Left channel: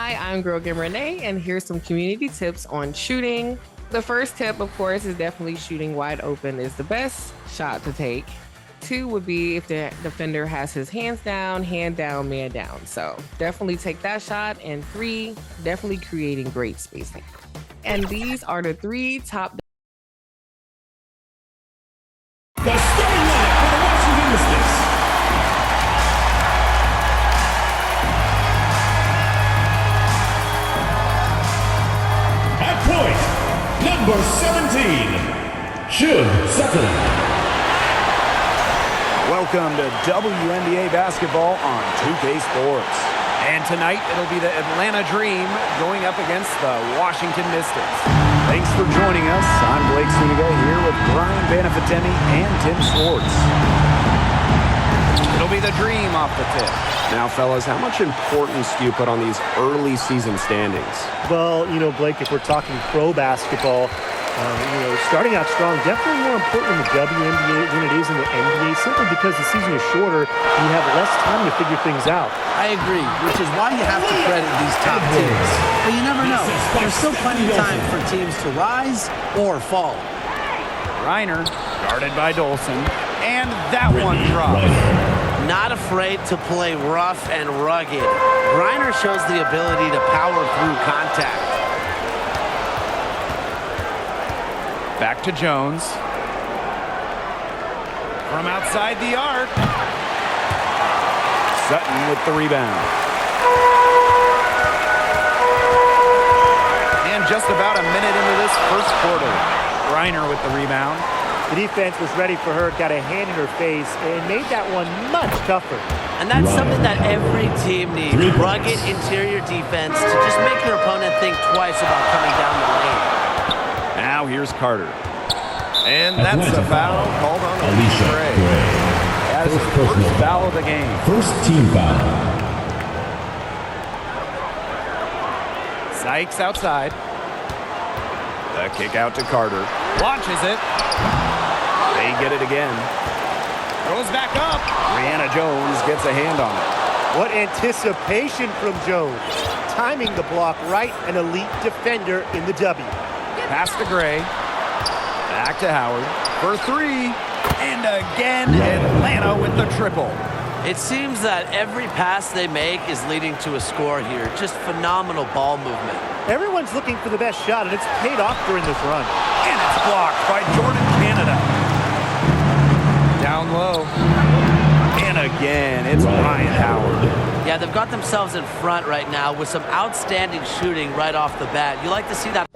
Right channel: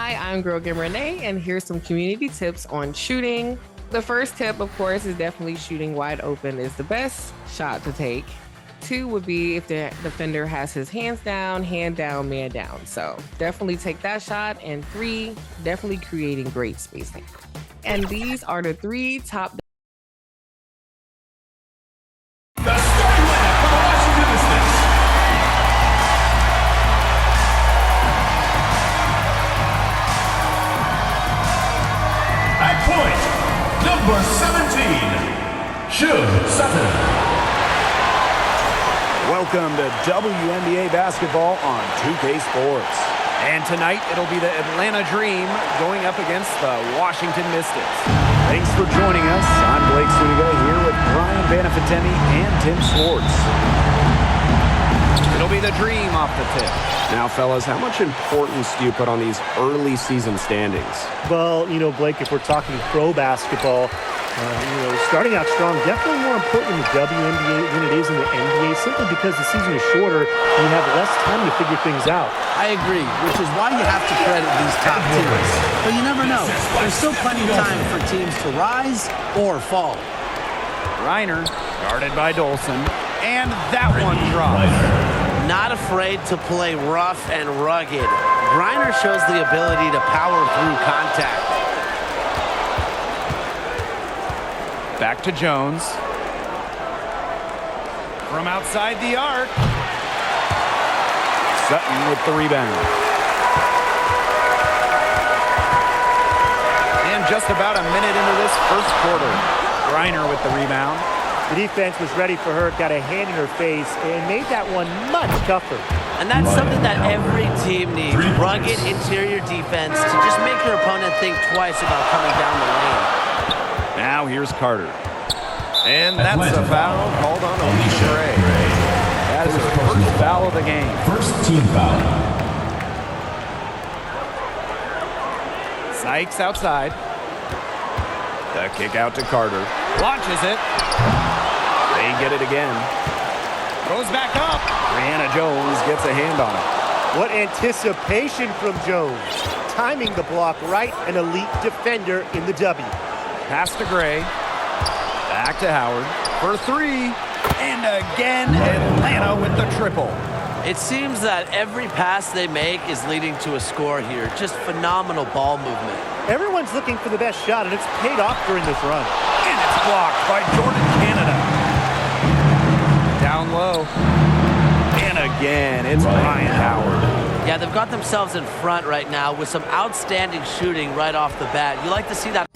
Hi, I'm Girl Game Renee, and here's some community tips on shooting. The first tip, of course, is definitely shooting wide open is the best shot to take. 2 would be if the defender has his hands down, hand down, man down. So definitely take that shot. And 3, definitely creating great spacing. And these are the 3 top. The starting lineup for the Washington Mystics. At point, number 17, Shug Sutton. Welcome to WNBA basketball on 2K Sports. And tonight, it'll be the Atlanta Dream going up against the Washington Mystics. Thanks for joining us. I'm Blake Suniga here with Brian Banafitemi and Tim Swartz. It'll be the Dream off the tip. Now, fellas, how much importance do you put on these early season standings? Well, Blake, if we're talking pro basketball, starting out strong, definitely more important in the WNBA than it is in the NBA, simply because the season is shorter and you have less time to figure things out. I agree, which is why you have to credit these top teams. But you never know. There's still plenty of time for teams to rise or fall. Reiner, guarded by Dolson, and that one drops. Not afraid to play rough and rugged. Griner shows the ability to power through contact. Back to Jones. From outside the arc. Sutton with the rebound. And just about a minute into this first quarter. Griner with the rebound. The defense was ready for her, got a hand in her face, and made that one much tougher. And that's something that every team needs. Rugged interior defense to just make your opponent think twice about coming down the lane. Now here's Carter. And that's a foul called on Alicia Gray. That is her first foul of the game. First team foul. Sykes outside. The kick out to Carter. Launches it. They get it again. Goes back up. Brianna Jones gets a hand on it. What anticipation from Jones. Timing the block right, an elite defender in the W. Pass to Gray. Back to Howard for 3. And again, Atlanta with the triple. It seems that every pass they make is leading to a score here. Just phenomenal ball movement. Everyone's looking for the best shot, and it's paid off during this run. And it's blocked by Jordan Canada. Down low. And again, it's Ryan Howard. Yeah, they've got themselves in front right now with some outstanding shooting right off the bat. You like to see that.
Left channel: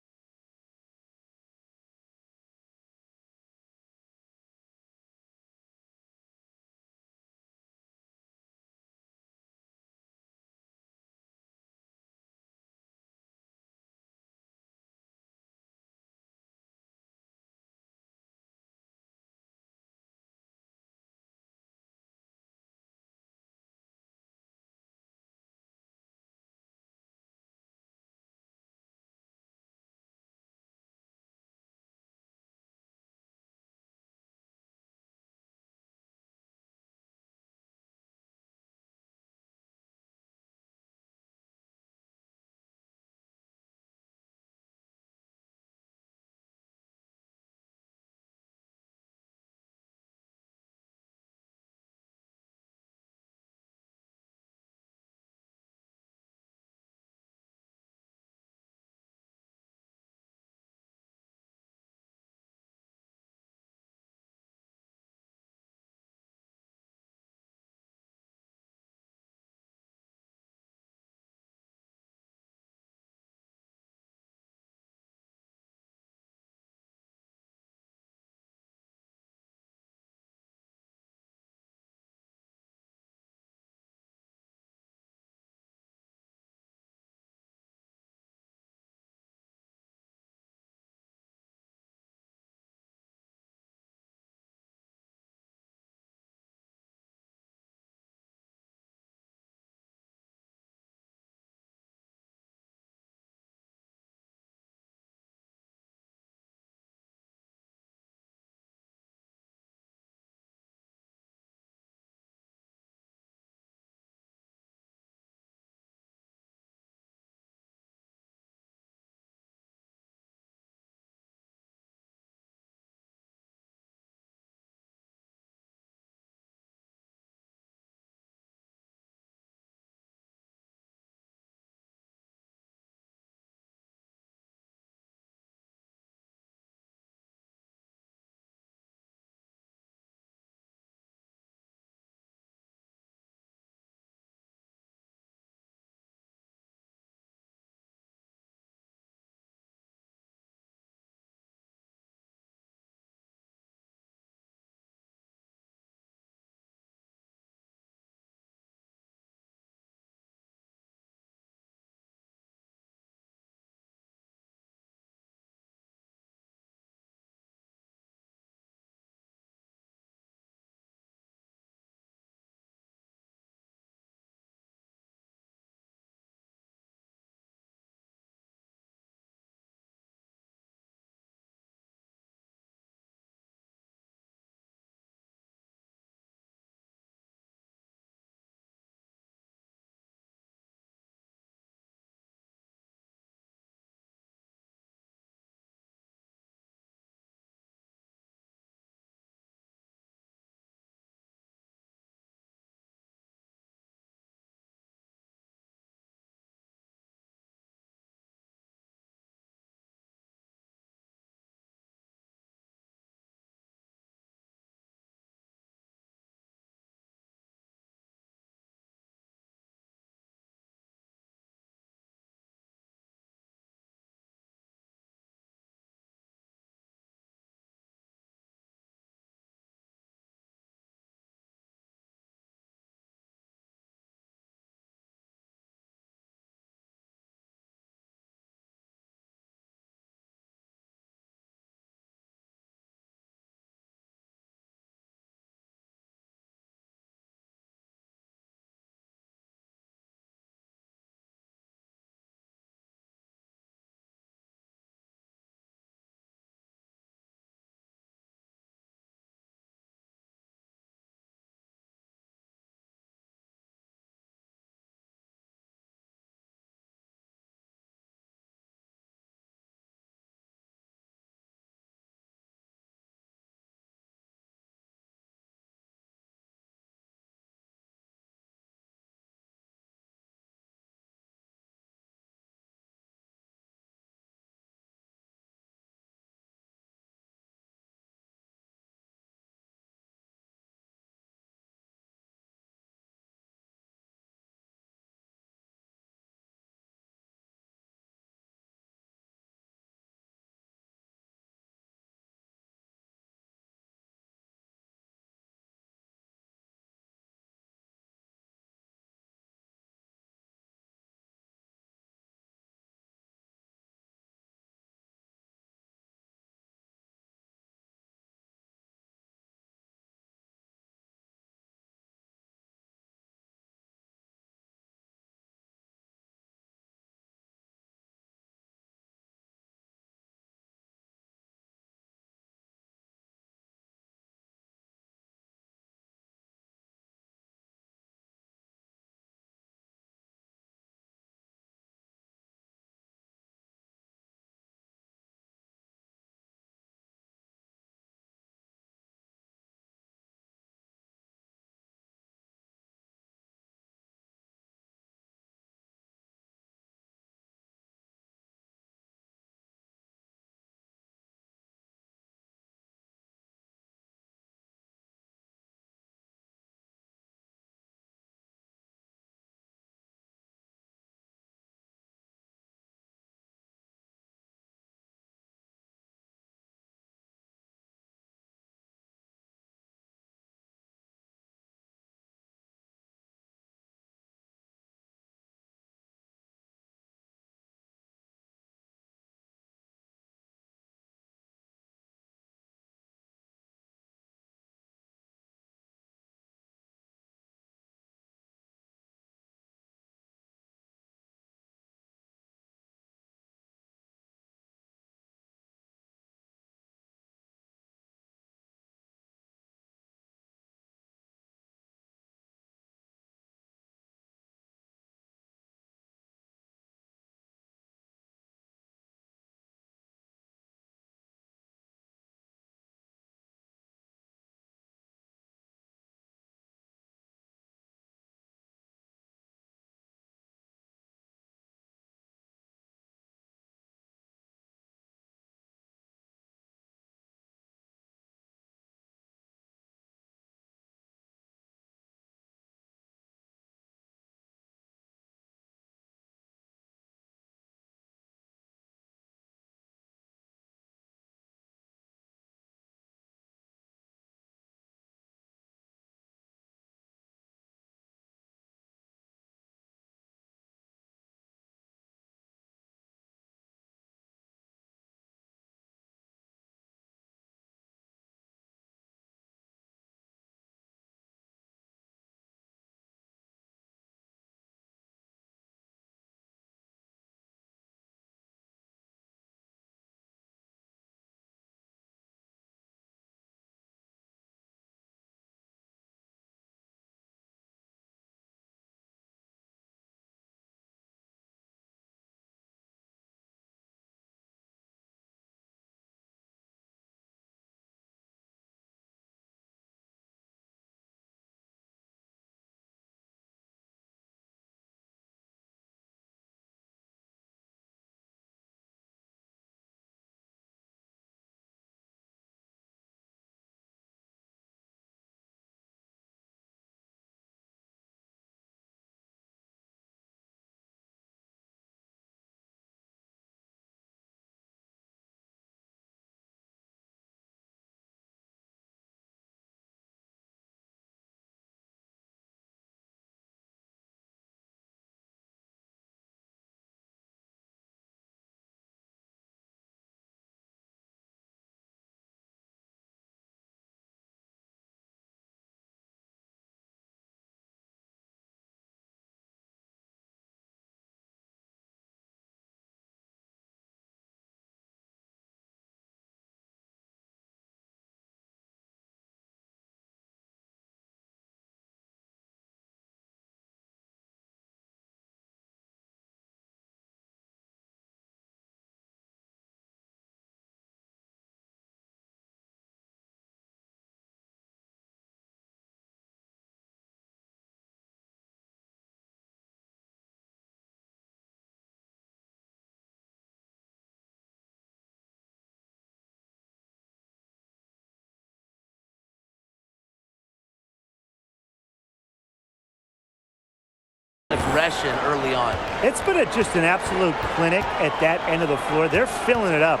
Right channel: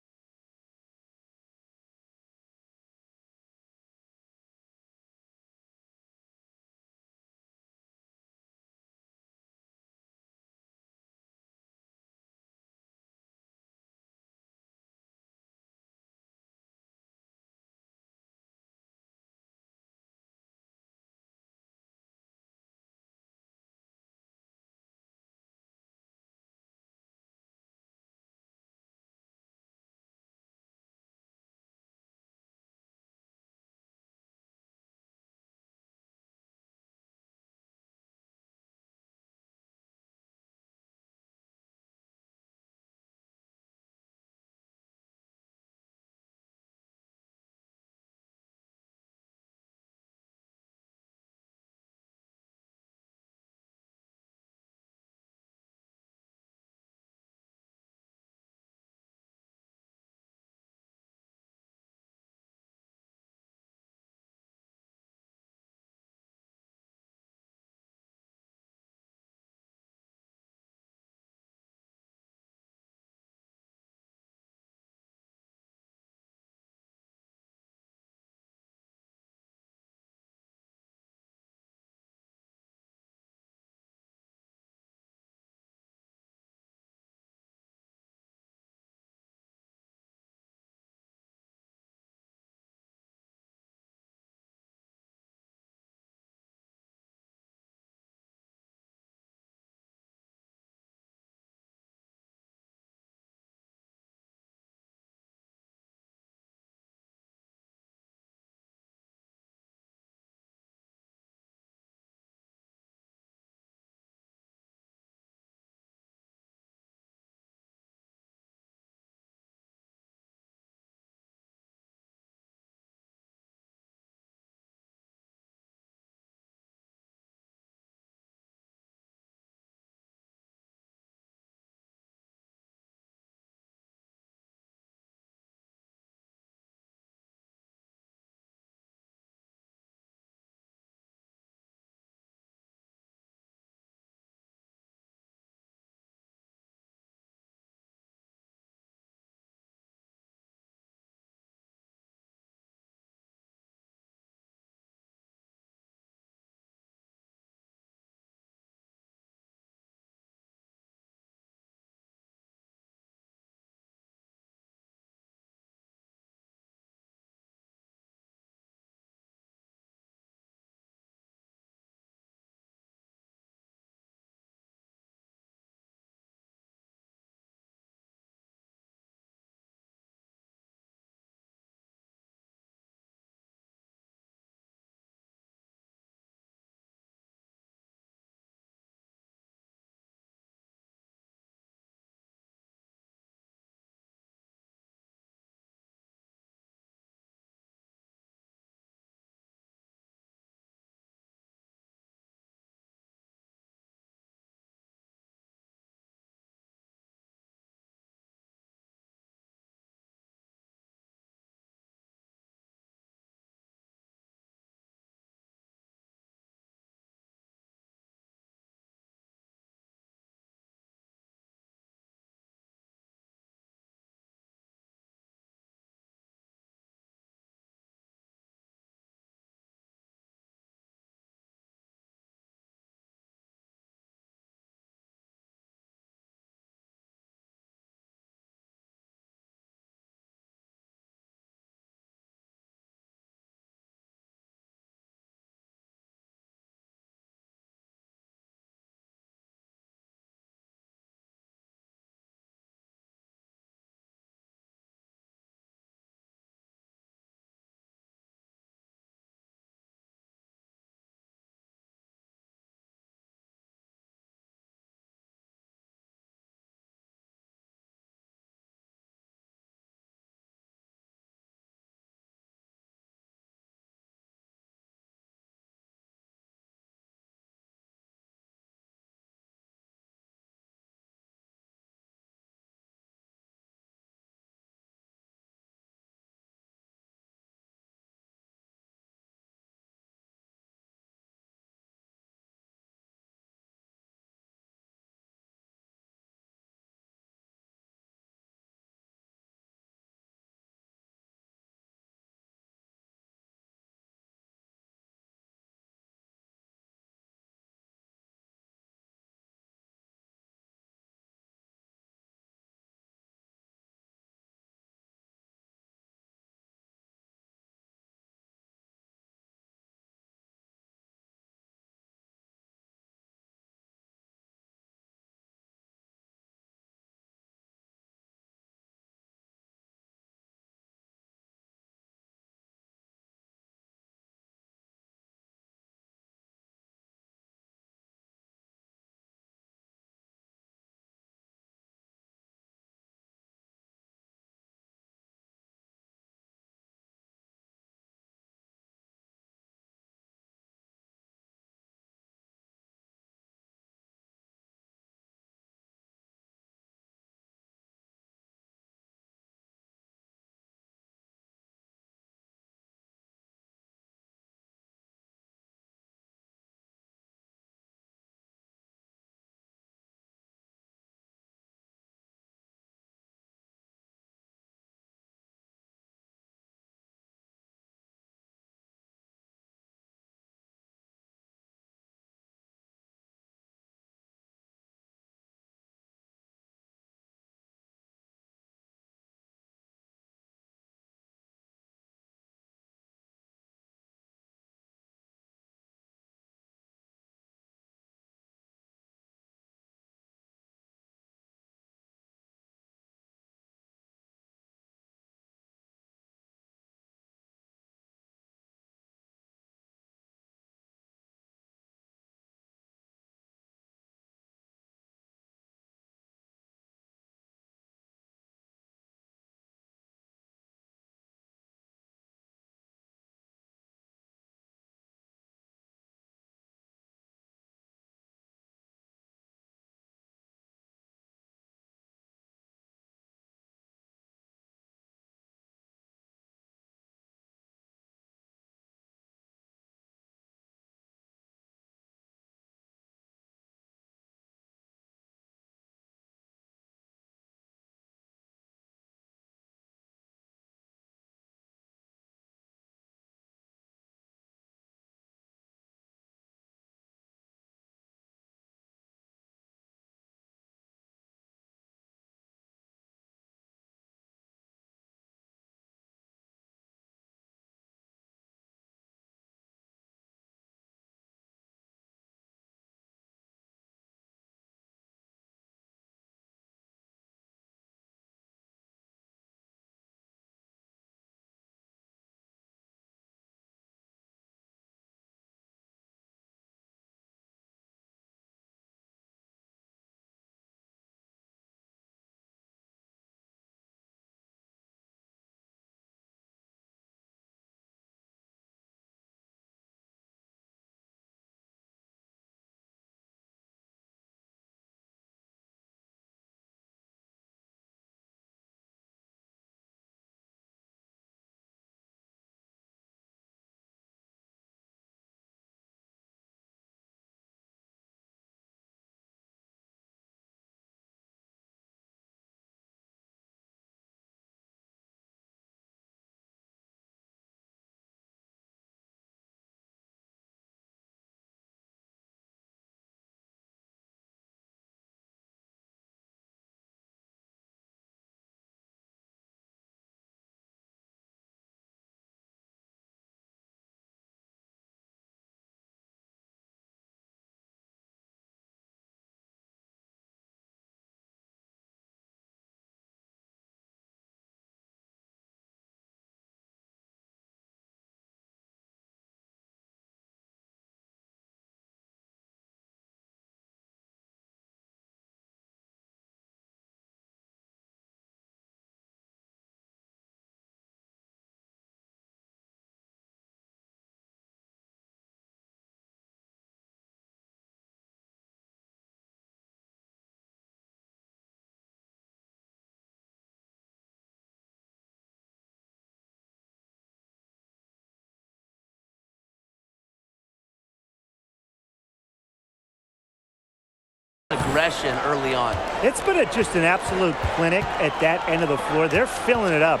aggression early on. It's been just an absolute clinic at that end of the floor. They're filling it up.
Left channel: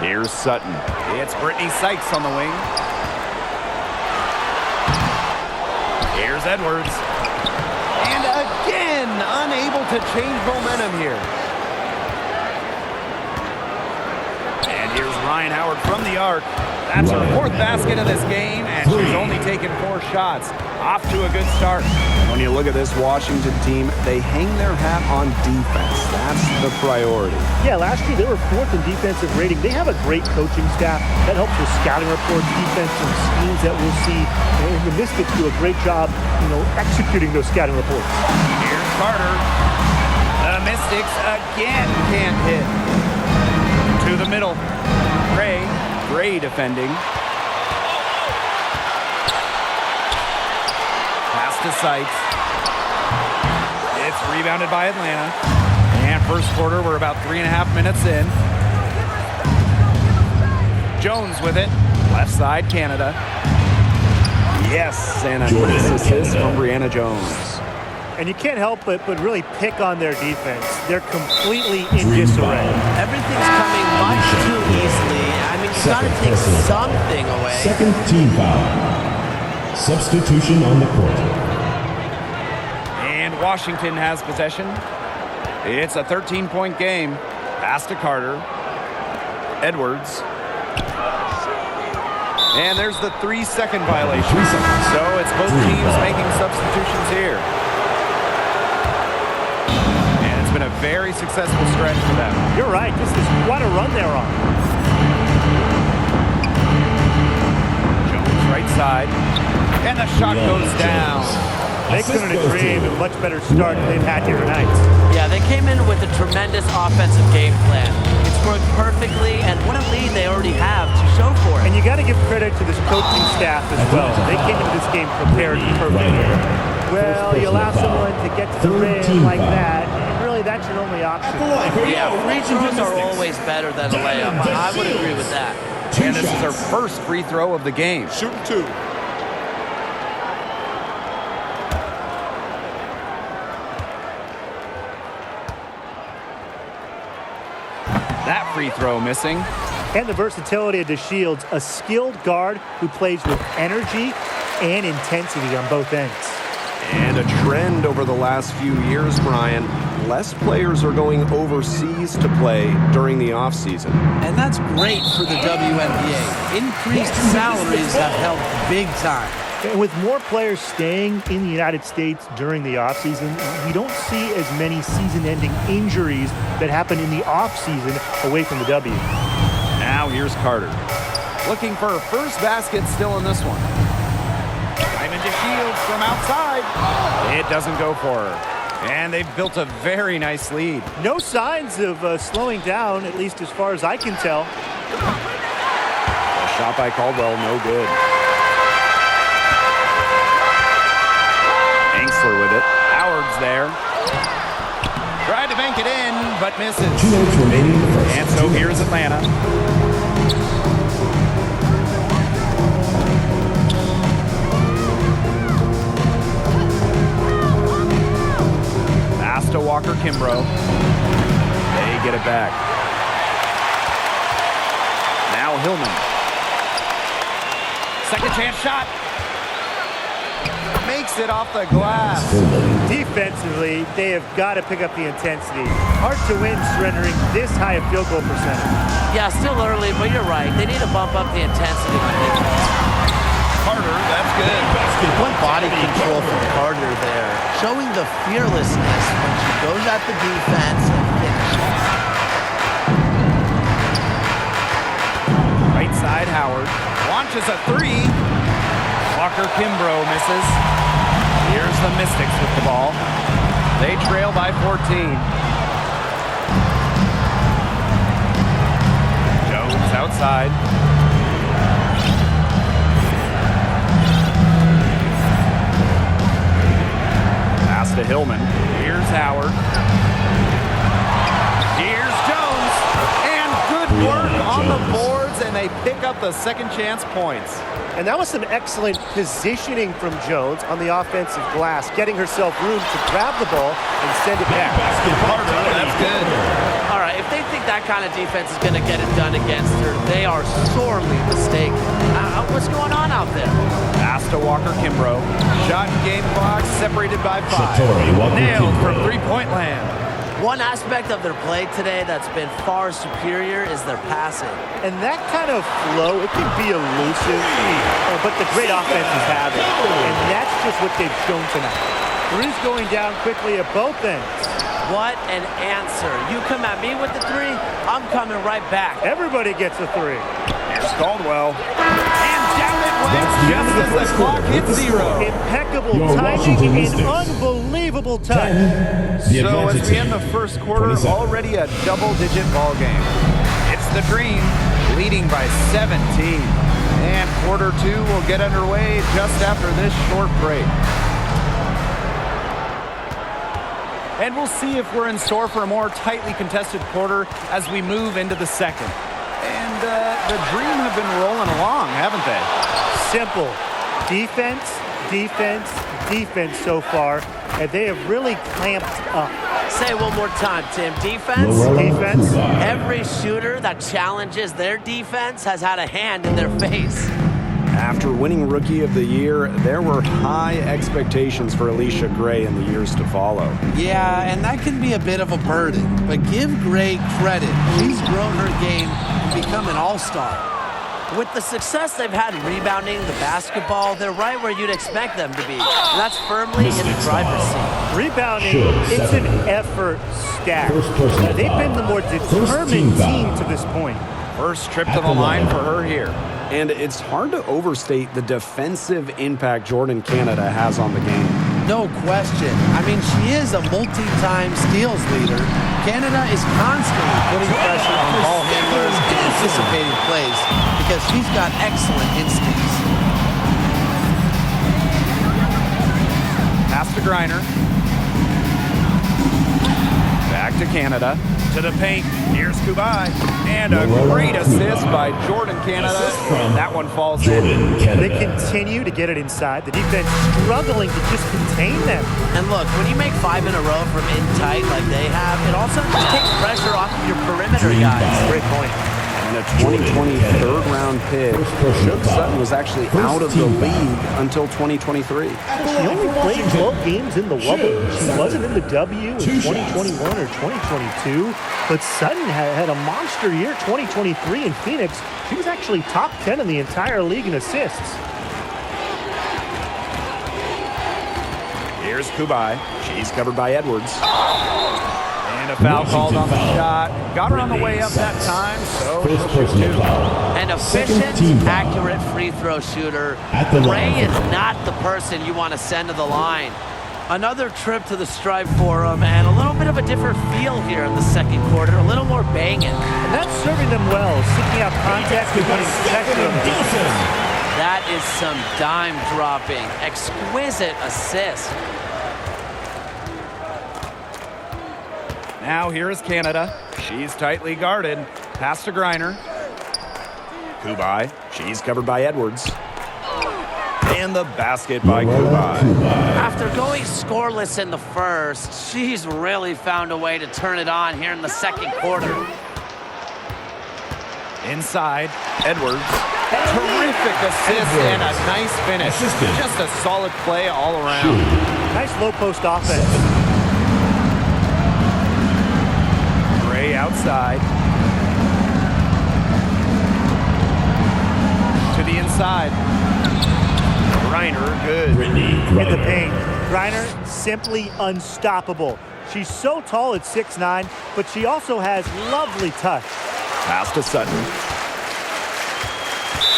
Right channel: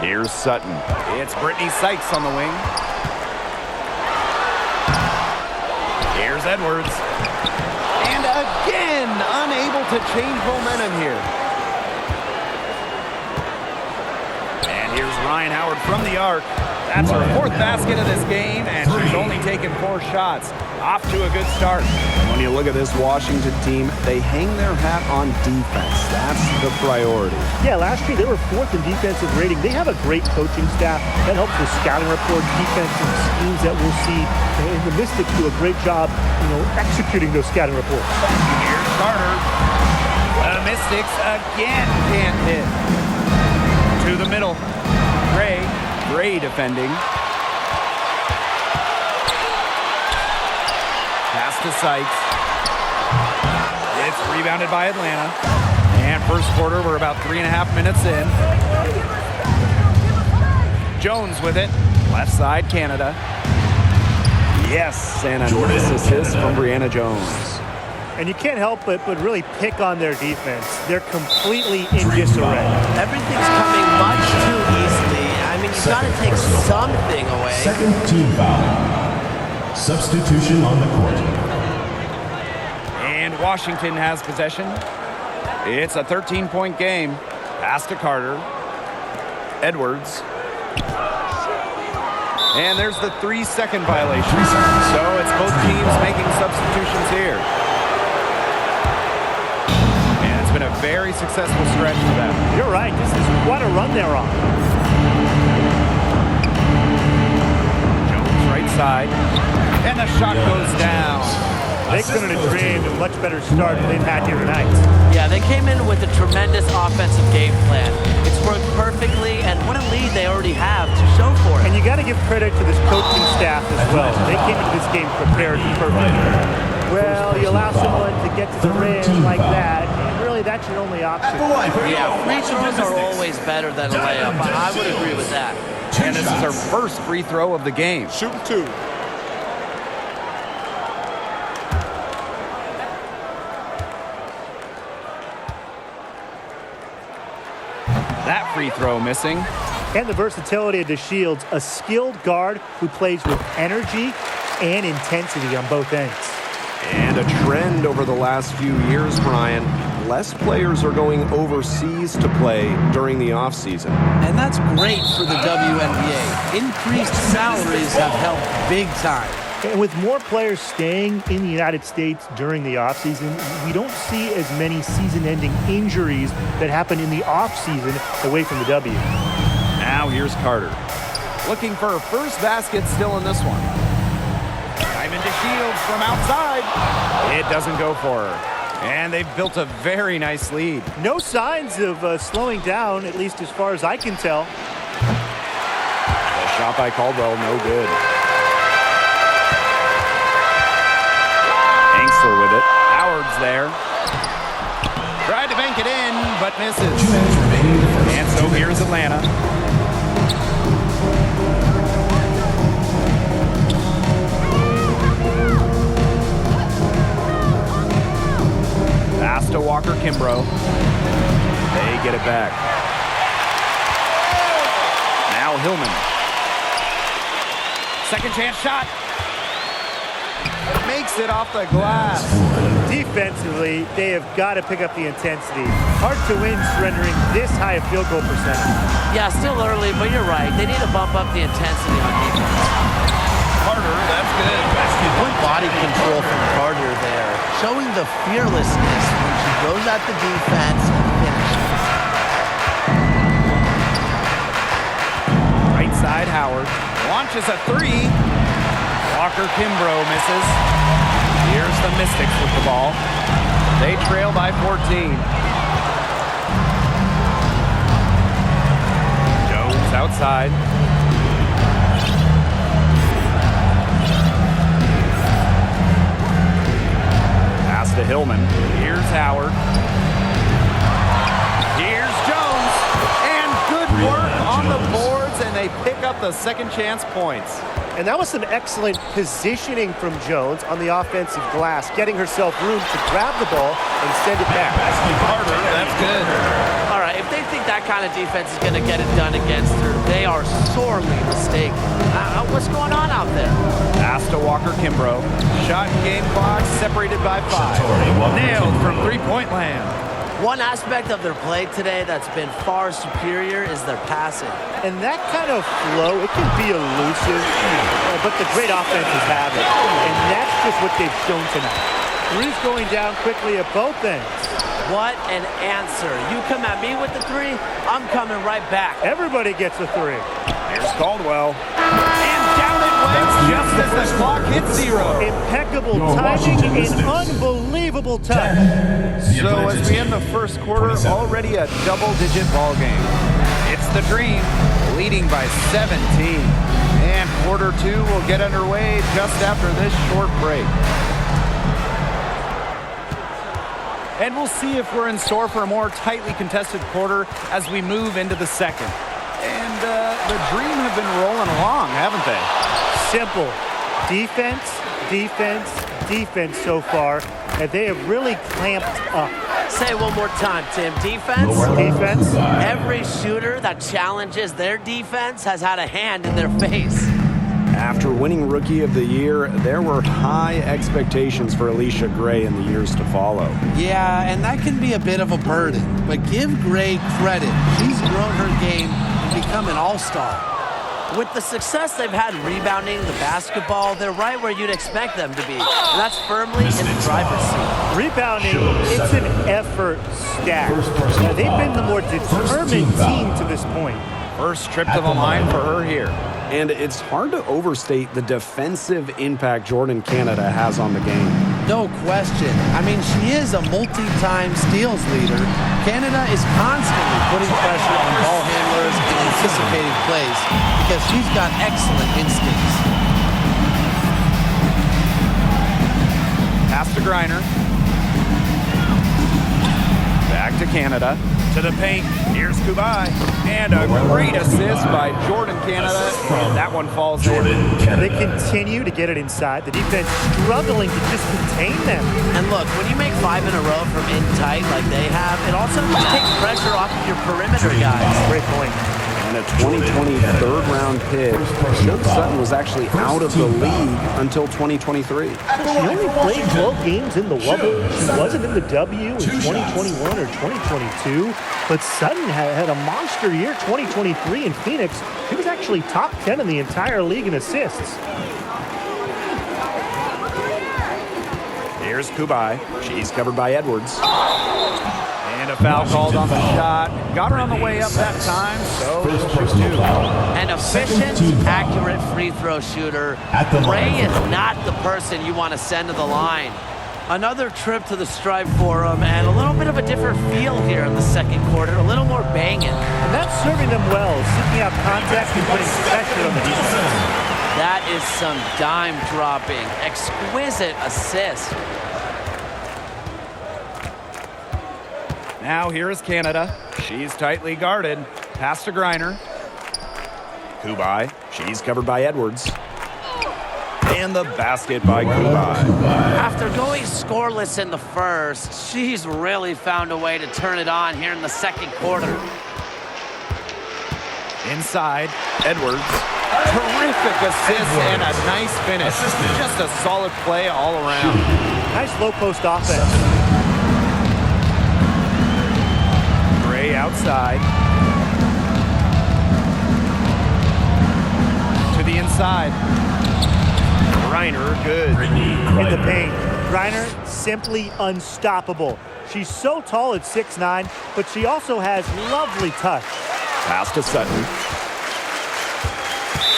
Here's Sutton. It's Brittany Sykes on the wing. Here's Edwards. And again, unable to change momentum here. And here's Ryan Howard from the arc. That's her fourth basket of this game, and she's only taken 4 shots. Off to a good start. And when you look at this Washington team, they hang their hat on defense. That's the priority. Yeah, last year they were 4th in defensive rating. They have a great coaching staff that helps with scouting reports, defensive schemes that we'll see. And the Mystics do a great job, executing those scouting reports. Here's Carter. The Mystics again can't hit. To the middle. Gray defending. Pass to Sykes. It's rebounded by Atlanta. And first quarter, we're about 3.5 minutes in. Jones with it. Left side, Canada. Yes, and a nice assist from Brianna Jones. And you can't help but really pick on their defense. They're completely in disarray. Everything's coming much too easily. I mean, you've got to take something away. Second team foul. Substitution on the court. And Washington has possession. It's a 13-point game. Pass to Carter. Edwards. And there's the 3-second violation. 3 seconds. So it's both teams making substitutions here. And it's been a very successful stretch for them. You're right. This is quite a run they're on. Jones right side. And the shot goes down. They couldn't have dreamed of a much better start than they've had here tonight. Yeah, they came in with a tremendous offensive game plan. It's worked perfectly, and what a lead they already have to show for it. And you got to give credit to this coaching staff as well. They came into this game prepared perfectly. Well, you allow someone to get to the rim like that, and really that's your only option. Yeah, free throws are always better than a layup. I would agree with that. And this is her first free throw of the game. Shooting 2. That free throw missing. And the versatility of DeShields, a skilled guard who plays with energy and intensity on both ends. And a trend over the last few years, Brian, less players are going overseas to play during the offseason. And that's great for the WNBA. Increased salaries have helped big time. And with more players staying in the United States during the offseason, we don't see as many season-ending injuries that happen in the offseason away from the W. Now here's Carter. Looking for her first basket still in this one. Diamond to Shields from outside. It doesn't go for her. And they've built a very nice lead. No signs of slowing down, at least as far as I can tell. The shot by Caldwell, no good. Angsler with it. Howard's there. Tried to bank it in, but misses. 2 minutes remaining in the first. And so here's Atlanta. Pass to Walker Kimbrough. They get it back. Now Hillman. Second chance shot. Makes it off the glass. Defensively, they have got to pick up the intensity. Hard to win surrendering this high a field goal percentage. Yeah, still early, but you're right. They need to bump up the intensity on defense. Carter, that's good. What body control from Carter there. Showing the fearlessness when she goes at the defense and finishes. Right side, Howard. Launches a 3. Walker Kimbrough misses. Here's the Mystics with the ball. They trail by 14. Jones outside. Pass to Hillman. Here's Howard. Here's Jones. And good work on the boards, and they pick up the second chance points. And that was some excellent positioning from Jones on the offensive glass, getting herself room to grab the ball and send it back. Carter, that's good. All right, if they think that kind of defense is going to get it done against her, they are sorely mistaken. What's going on out there? Pass to Walker Kimbrough. Shot and game clock separated by 5. Nailed from three-point land. One aspect of their play today that's been far superior is their passing. And that kind of flow, it can be elusive, but the great offenses have it. And that's just what they've shown tonight. Three's going down quickly at both ends. What an answer. You come at me with the three, I'm coming right back. Everybody gets a three. Here's Caldwell. And down it went just as the clock hits 0. Impeccable timing and unbelievable touch. So as we end the first quarter, already a double-digit ball game. It's the Dream, leading by 17. And quarter 2 will get underway just after this short break. And we'll see if we're in store for a more tightly contested quarter as we move into the second. And the Dream have been rolling along, haven't they? Simple. Defense, defense, defense so far. And they have really clamped up. Say it one more time, Tim. Defense? Defense. Every shooter that challenges their defense has had a hand in their face. After winning Rookie of the Year, there were high expectations for Alicia Gray in the years to follow. Yeah, and that can be a bit of a burden. But give Gray credit. She's grown her game and become an all-star. With the success they've had rebounding the basketball, they're right where you'd expect them to be. And that's firmly in the driver's seat. Rebounding, it's an effort stat. They've been the more determined team to this point. First trip to the line for her here. And it's hard to overstate the defensive impact Jordan Canada has on the game. No question. I mean, she is a multi-time steals leader. Canada is constantly putting pressure on ball handlers and anticipating plays because she's got excellent instincts. Pass to Griner. Back to Canada. To the paint. Here's Kubai. And a great assist by Jordan Canada. And that one falls in. They continue to get it inside. The defense struggling to just contain them. And look, when you make 5 in a row from in tight like they have, it also just takes pressure off of your perimeter guys. Great point. And a 2020 third-round pick, Shook Sutton was actually out of the league until 2023. She only played 12 games in the Wubble. She wasn't in the W in 2021 or 2022. But Sutton had a monster year, 2023 in Phoenix. She was actually top 10 in the entire league in assists. Here's Kubai. She's covered by Edwards. And a foul called on the shot. Got her on the way up that time, so she'll shoot 2. An efficient, accurate free throw shooter. Gray is not the person you want to send to the line. Another trip to the Strive Forum and a little bit of a different feel here in the second quarter. A little more banging. And that's serving them well, seeking out contact and putting pressure on the defense. That is some dime dropping. Exquisite assist. Now here is Canada. She's tightly guarded. Pass to Griner. Kubai. She's covered by Edwards. And the basket by Kubai. After going scoreless in the first, she's really found a way to turn it on here in the second quarter. Inside, Edwards. Terrific assist and a nice finish. Just a solid play all around. Nice low post offense. Gray outside. To the inside. Griner, good. In the paint. Griner, simply unstoppable. She's so tall at 6'9", but she also has lovely touch. Pass to Sutton.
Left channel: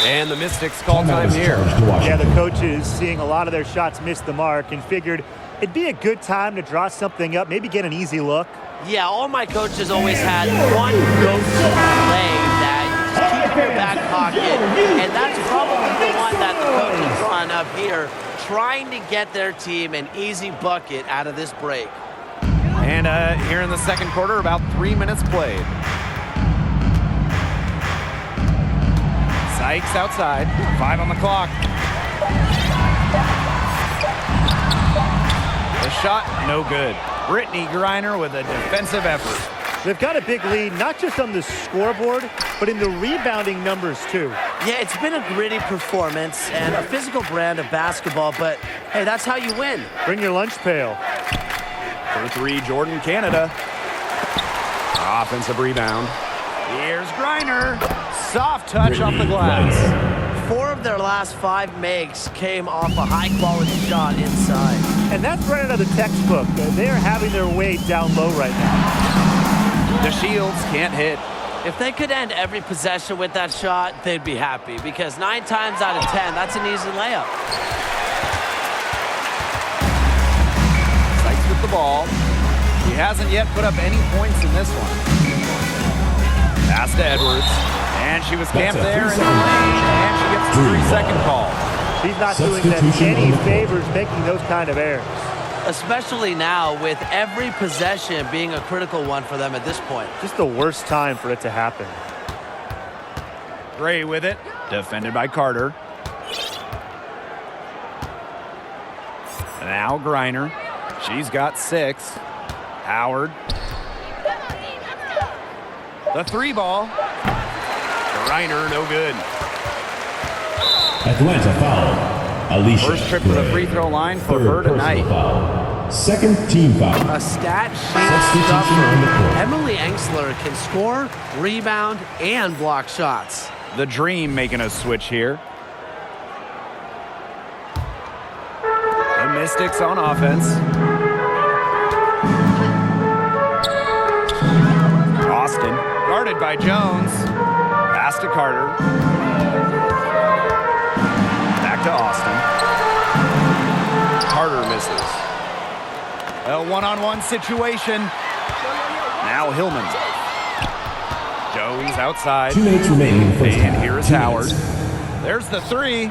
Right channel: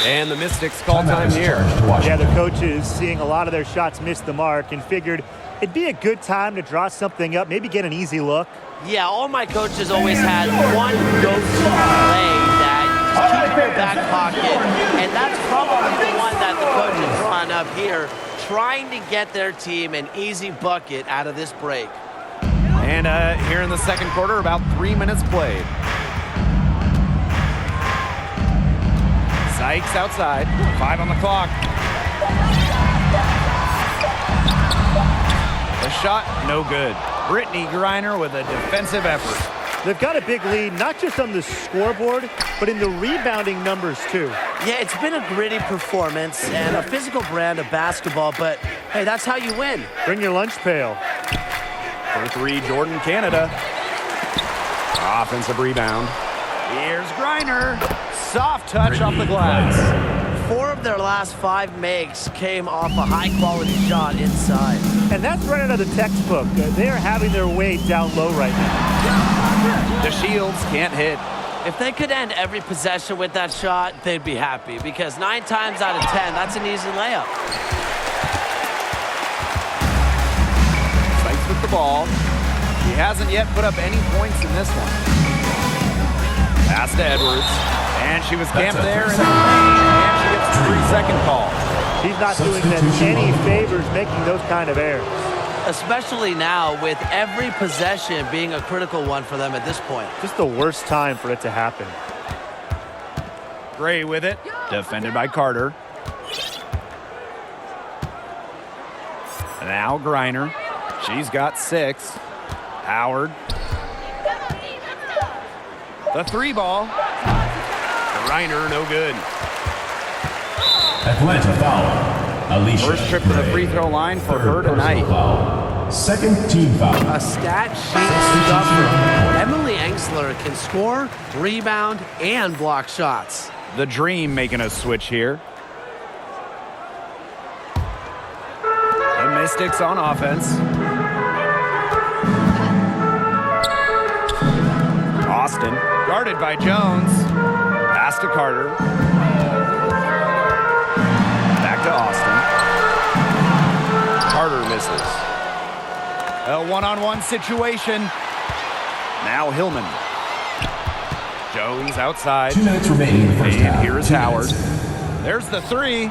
And the Mystics call time here. Yeah, the coaches, seeing a lot of their shots miss the mark, and figured it'd be a good time to draw something up, maybe get an easy look. Yeah, all my coaches always had one go-to play that you just keep in your back pocket, and that's probably the one that the coach is drawing up here, trying to get their team an easy bucket out of this break. And here in the second quarter, about 3 minutes played. Sykes outside. 5 on the clock. The shot, no good. Brittany Griner with a defensive effort. They've got a big lead, not just on the scoreboard, but in the rebounding numbers, too. Yeah, it's been a gritty performance and a physical brand of basketball, but hey, that's how you win. Bring your lunch pail. For 3, Jordan, Canada. Offensive rebound. Here's Griner. Soft touch off the glass. 4 of their last 5 makes came off a high-quality shot inside. And that's right out of the textbook. They are having their way down low right now. The Shields can't hit. If they could end every possession with that shot, they'd be happy because 9 times out of 10, that's an easy layup. Sykes with the ball. She hasn't yet put up any points in this one. Pass to Edwards. And she was camped there in the lane, and she gets a 3-second call. She's not doing them any favors making those kind of errors. Especially now with every possession being a critical one for them at this point. Just the worst time for it to happen. Gray with it, defended by Carter. Now Griner. She's got 6. Howard. The 3 ball. Griner, no good. Atlanta foul. Alicia First trip to the free throw line for her tonight. Foul. Second team foul. A stat sheet Substitution stuffer. on the court. Emily Engsler can score, rebound, and block shots. The Dream making a switch here. The Mystics on offense. Austin, guarded by Jones. Pass to Carter. Back to Austin. Carter misses. A one-on-one situation. Now Hillman. Jones outside. 2 minutes remaining in the first half. And here is 2 Howard. minutes. There's the 3.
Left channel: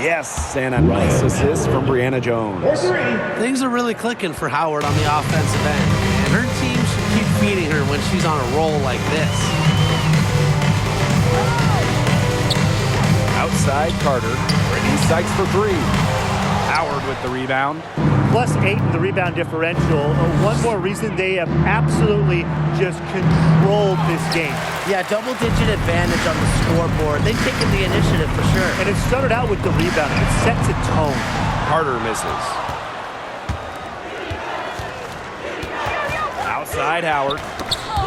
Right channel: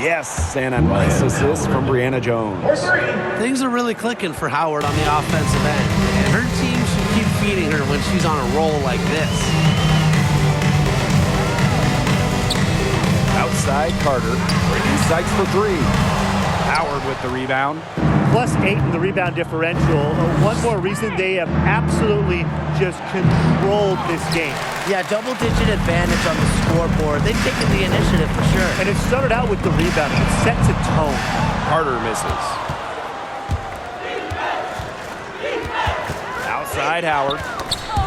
Yes, and a nice assist from Brianna Jones. Things are really clicking for Howard on the offensive end, and her team should keep feeding her when she's on a roll like this. Outside Carter. Brittany Sykes for 3. Howard with the rebound. +8 in the rebound differential. One more reason they have absolutely just controlled this game. Yeah, double-digit advantage on the scoreboard. They've taken the initiative for sure. And it started out with the rebounding. It sets a tone. Carter misses. Outside Howard.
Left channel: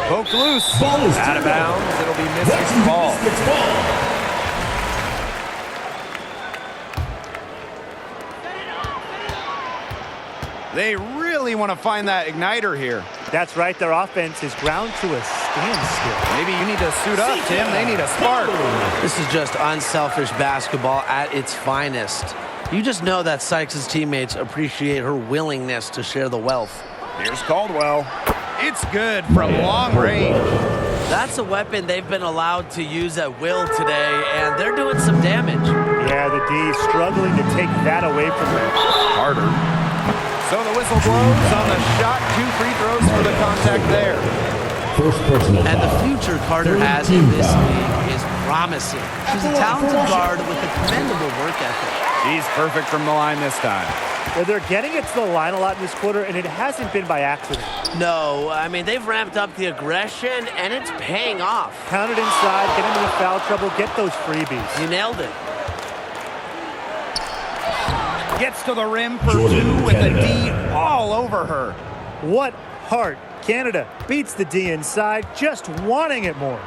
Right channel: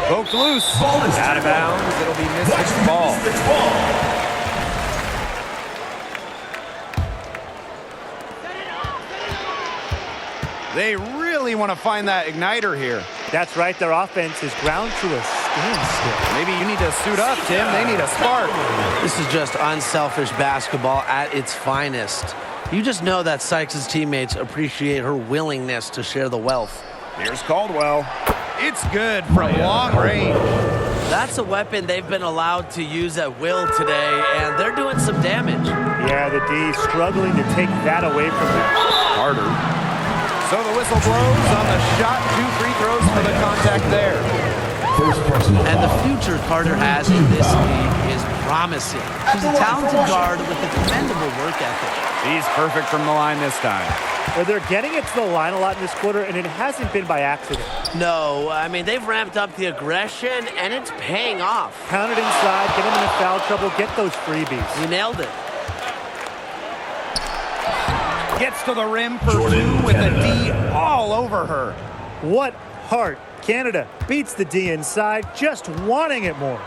Poked loose. Ball is out of bounds. It'll be Mystics ball. Mystics ball. They really want to find that igniter here. That's right. Their offense is ground to a standstill. Maybe you need to suit up, Tim. They need a spark. This is just unselfish basketball at its finest. You just know that Sykes' teammates appreciate her willingness to share the wealth. Here's Caldwell. It's good from long range. That's a weapon they've been allowed to use at will today, and they're doing some damage. Yeah, the D struggling to take that away from them. Carter. So the whistle blows on the shot. 2 free throws for the contact there. First personal And the foul. future Carter has in this league is promising. She's a talented guard with a commendable work ethic. She's perfect from the line this time. They're getting it to the line a lot in this quarter, and it hasn't been by accident. No, I mean, they've ramped up the aggression, and it's paying off. Pound it inside, get them into foul trouble, get those freebies. You nailed it. Gets to the rim for Jordan, 2 with Canada. a D all over her. What heart. Canada beats the D inside, just wanting it more.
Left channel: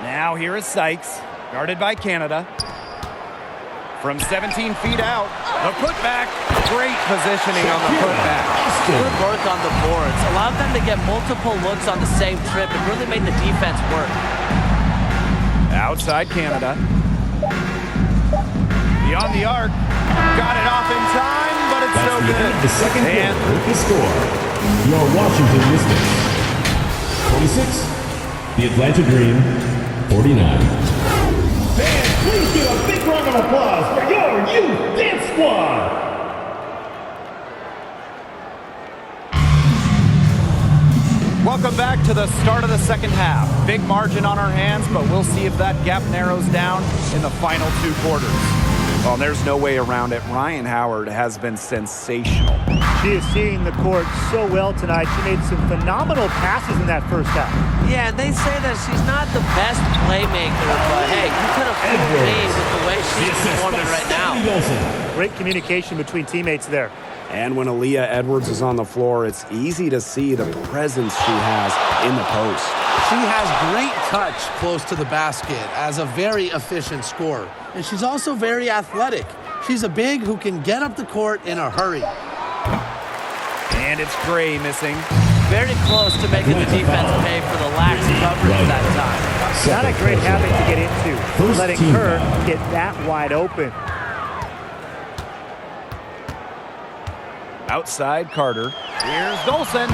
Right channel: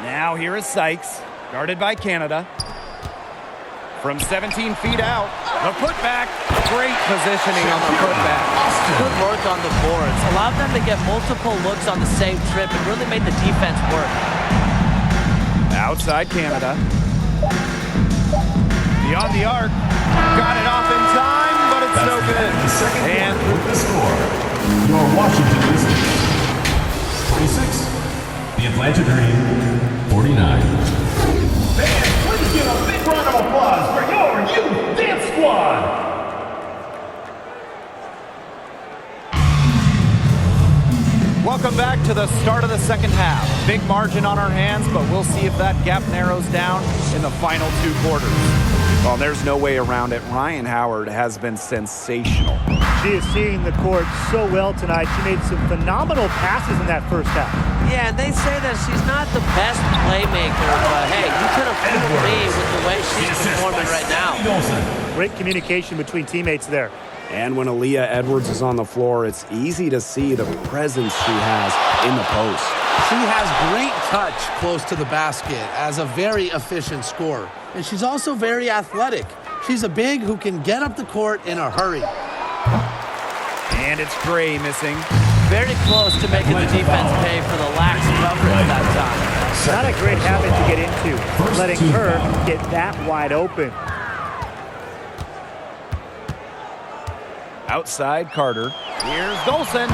Now here is Sykes, guarded by Canada. From 17 feet out, the putback. Great positioning on the putback. Good work on the boards. Allowed them to get multiple looks on the same trip and really made the defense work. Outside Canada. Beyond the arc. Got it off in time, but it's no good. The second And quarter with the score. Your Washington Mystics 46. The Atlanta Dream 49. Fans, please give a big round of applause for your youth dance squad. Welcome back to the start of the second half. Big margin on our hands, but we'll see if that gap narrows down in the final 2 quarters. Well, there's no way around it. Rhyne Howard has been sensational. She is seeing the court so well tonight. She made some phenomenal passes in that first half. Yeah, and they say that she's not the best playmaker, but hey, you could have fooled me with the way she's performing right now. Great communication between teammates there. And when Aaliyah Edwards is on the floor, it's easy to see the presence she has in the post. She has great touch close to the basket as a very efficient scorer. And she's also very athletic. She's a big who can get up the court in a hurry. And it's Gray missing. Very close to making the defense pay for the lax coverage that time. Not a great habit to get into, letting her get that wide open. Outside Carter. Here's Dolson.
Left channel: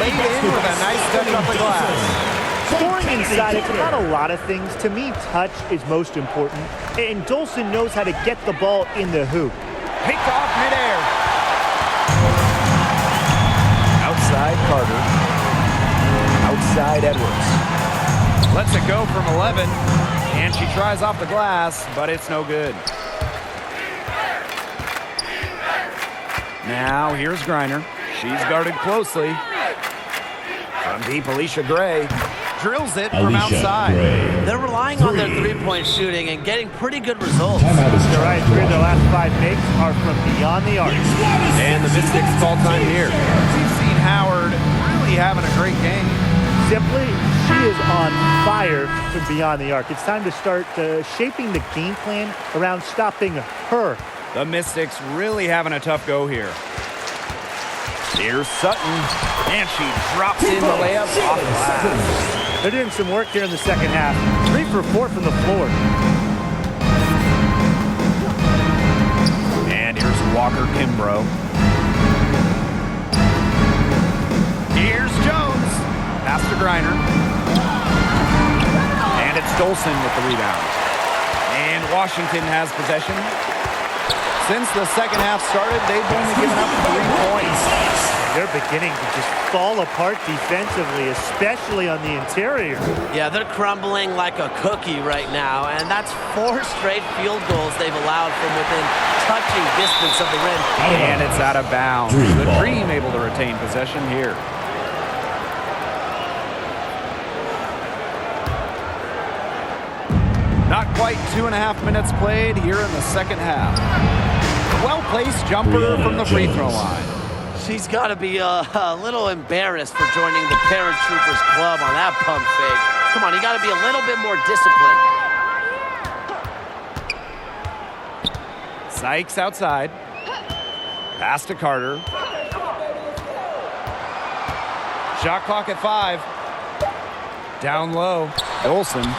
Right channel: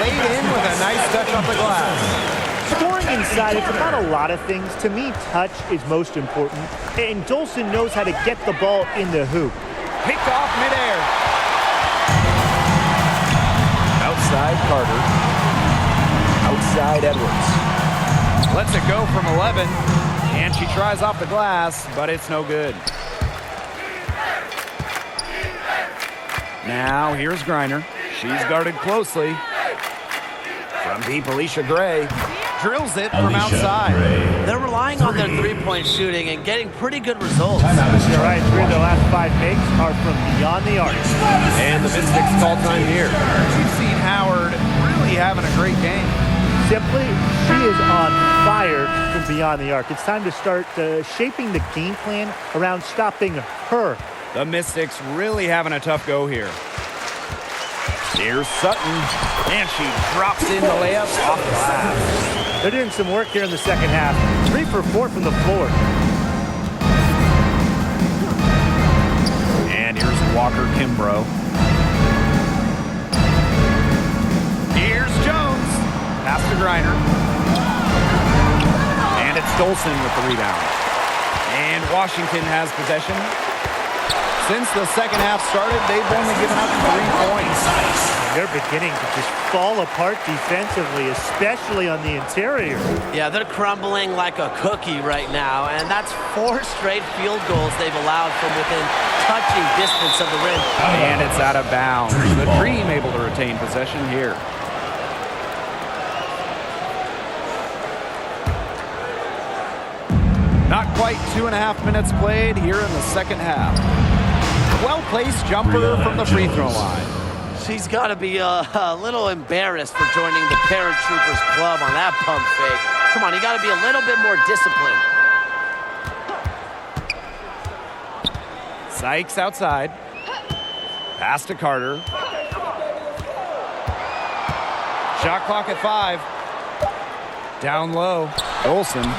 Laid in with a nice touch off the glass. Scoring inside, it's about a lot of things. To me, touch is most important. And Dolson knows how to get the ball in the hoop. Picked off midair. Outside Carter. Outside Edwards. Lets it go from 11. And she tries off the glass, but it's no good. Now here's Griner. She's guarded closely. From deep, Alicia Gray drills it from outside. They're relying on their three-point shooting and getting pretty good results. You're right, 3 of their last 5 makes are from beyond the arc. And the Mystics call time here. We've seen Howard really having a great game. Simply, she is on fire from beyond the arc. It's time to start shaping the game plan around stopping her. The Mystics really having a tough go here. Here's Sutton, and she drops in the layup off glass. They're doing some work here in the second half. 3 for 4 from the floor. And here's Walker Kimbrough. Here's Jones. Pass to Griner. And it's Dolson with the rebound. And Washington has possession. Since the second half started, they've only given up 3 points. They're beginning to just fall apart defensively, especially on the interior. Yeah, they're crumbling like a cookie right now, and that's 4 straight field goals they've allowed from within touching distance of the rim. And it's out of bounds. The Dream able to retain possession here. Not quite 2.5 minutes played here in the second half. Well-placed jumper from the free throw line. She's got to be a little embarrassed for joining the Paratroopers Club on that pump fake. Come on, you got to be a little bit more disciplined. Sykes outside. Pass to Carter. Shot clock at 5. Down low. Olsen.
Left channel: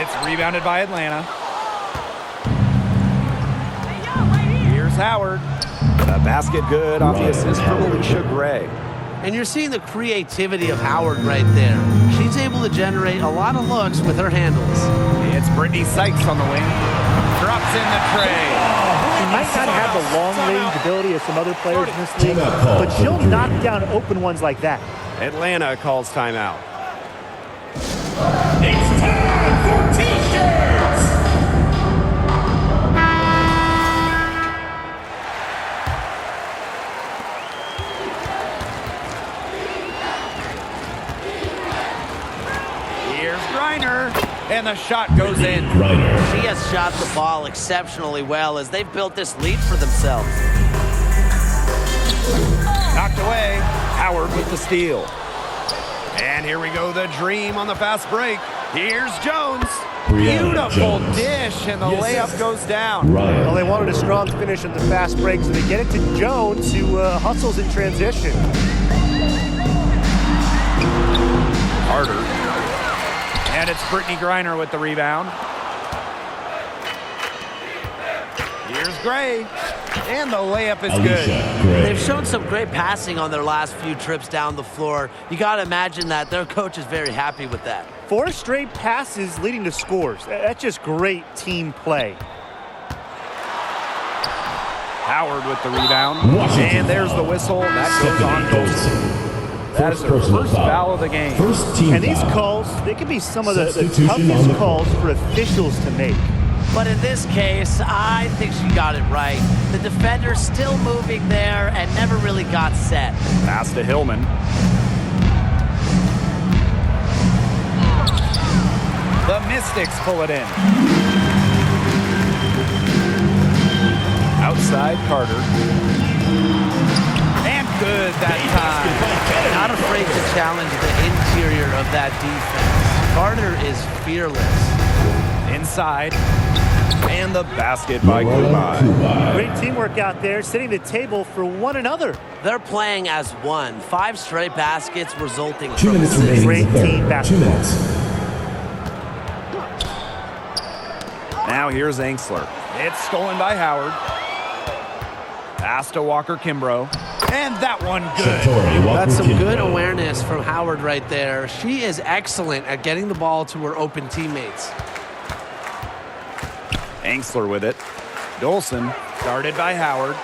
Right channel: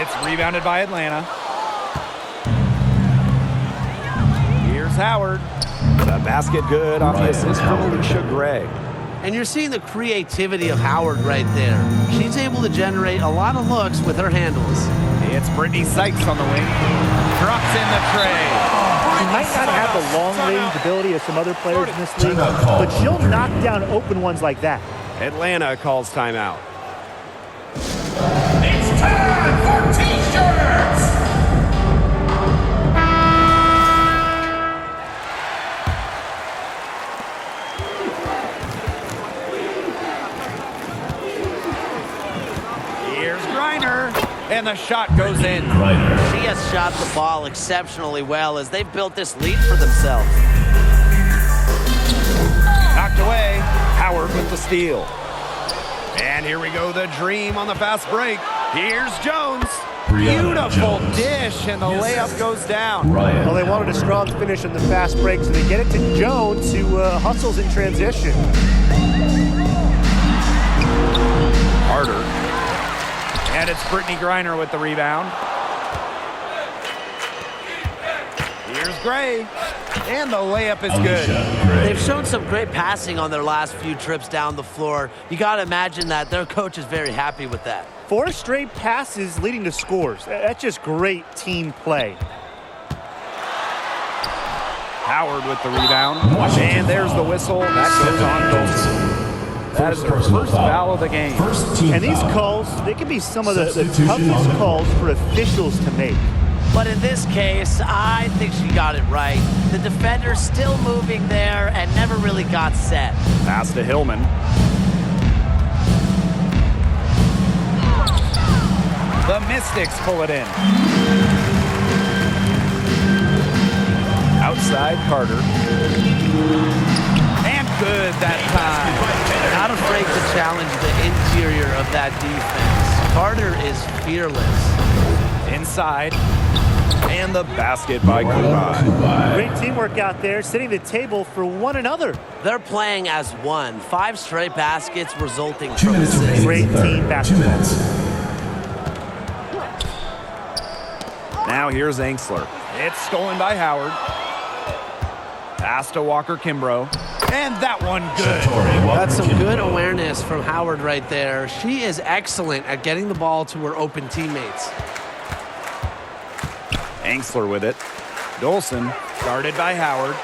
It's rebounded by Atlanta. Here's Howard. The basket good off the assist from Alicia Gray. And you're seeing the creativity of Howard right there. She's able to generate a lot of looks with her handles. It's Brittany Sykes on the wing. Drops in the tray. She might not have the long-range ability of some other players in this league, but she'll knock down open ones like that. Atlanta calls timeout. It's time for T-shirts! Here's Griner, and the shot goes in. She has shot the ball exceptionally well as they've built this lead for themselves. Knocked away. Howard with the steal. And here we go, the Dream on the fast break. Here's Jones. Beautiful dish, and the layup goes down. Well, they wanted a strong finish on the fast break, so they get it to Jones, who hustles in transition. Carter. And it's Brittany Griner with the rebound. Here's Gray. And the layup is good. They've shown some great passing on their last few trips down the floor. You got to imagine that their coach is very happy with that. 4 straight passes leading to scores. That's just great team play. Howard with the rebound. And there's the whistle. That goes on Dolson. That is her first foul of the game. First team And these foul. calls, they can be some of the Substitution on toughest the calls court. for officials to make. But in this case, I think she got it right. The defender's still moving there and never really got set. Pass to Hillman. The Mystics pull it in. Outside Carter. And good that time. Not afraid to challenge the interior of that defense. Carter is fearless. Inside. And the basket by Kubai. Great teamwork out there, setting the table for one another. They're playing as one. 5 straight baskets resulting 2 from minutes assists. remaining. Great team 2 basketball. minutes. Now here's Angsler. It's stolen by Howard. Pass to Walker Kimbrough. And that one good. That's some good awareness from Howard right there. She is excellent at getting the ball to her open teammates. Angsler with it. Dolson guarded by Howard.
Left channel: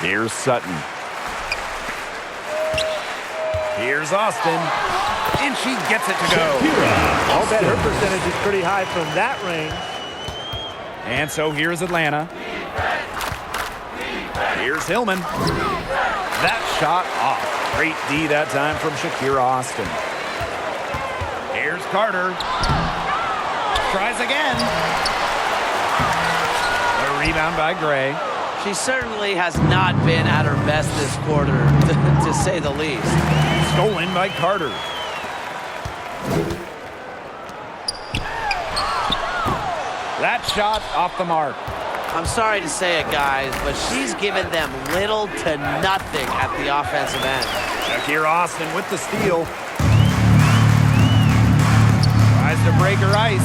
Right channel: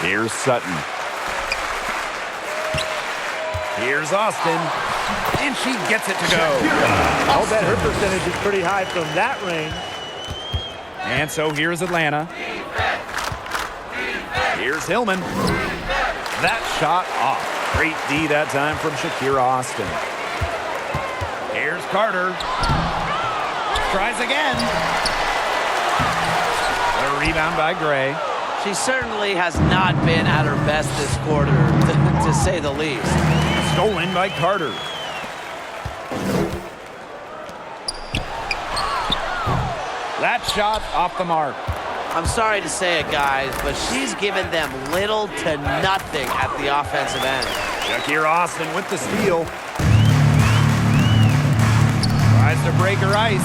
Here's Sutton. Here's Austin. And she gets it to go. I'll bet her percentage is pretty high from that range. And so here's Atlanta. Here's Hillman. That shot off. Great D that time from Shakira Austin. Here's Carter. Tries again. A rebound by Gray. She certainly has not been at her best this quarter, to say the least. Stolen by Carter. That shot off the mark. I'm sorry to say it, guys, but she's given them little to nothing at the offensive end. Shakira Austin with the steal. Tries to break her ice.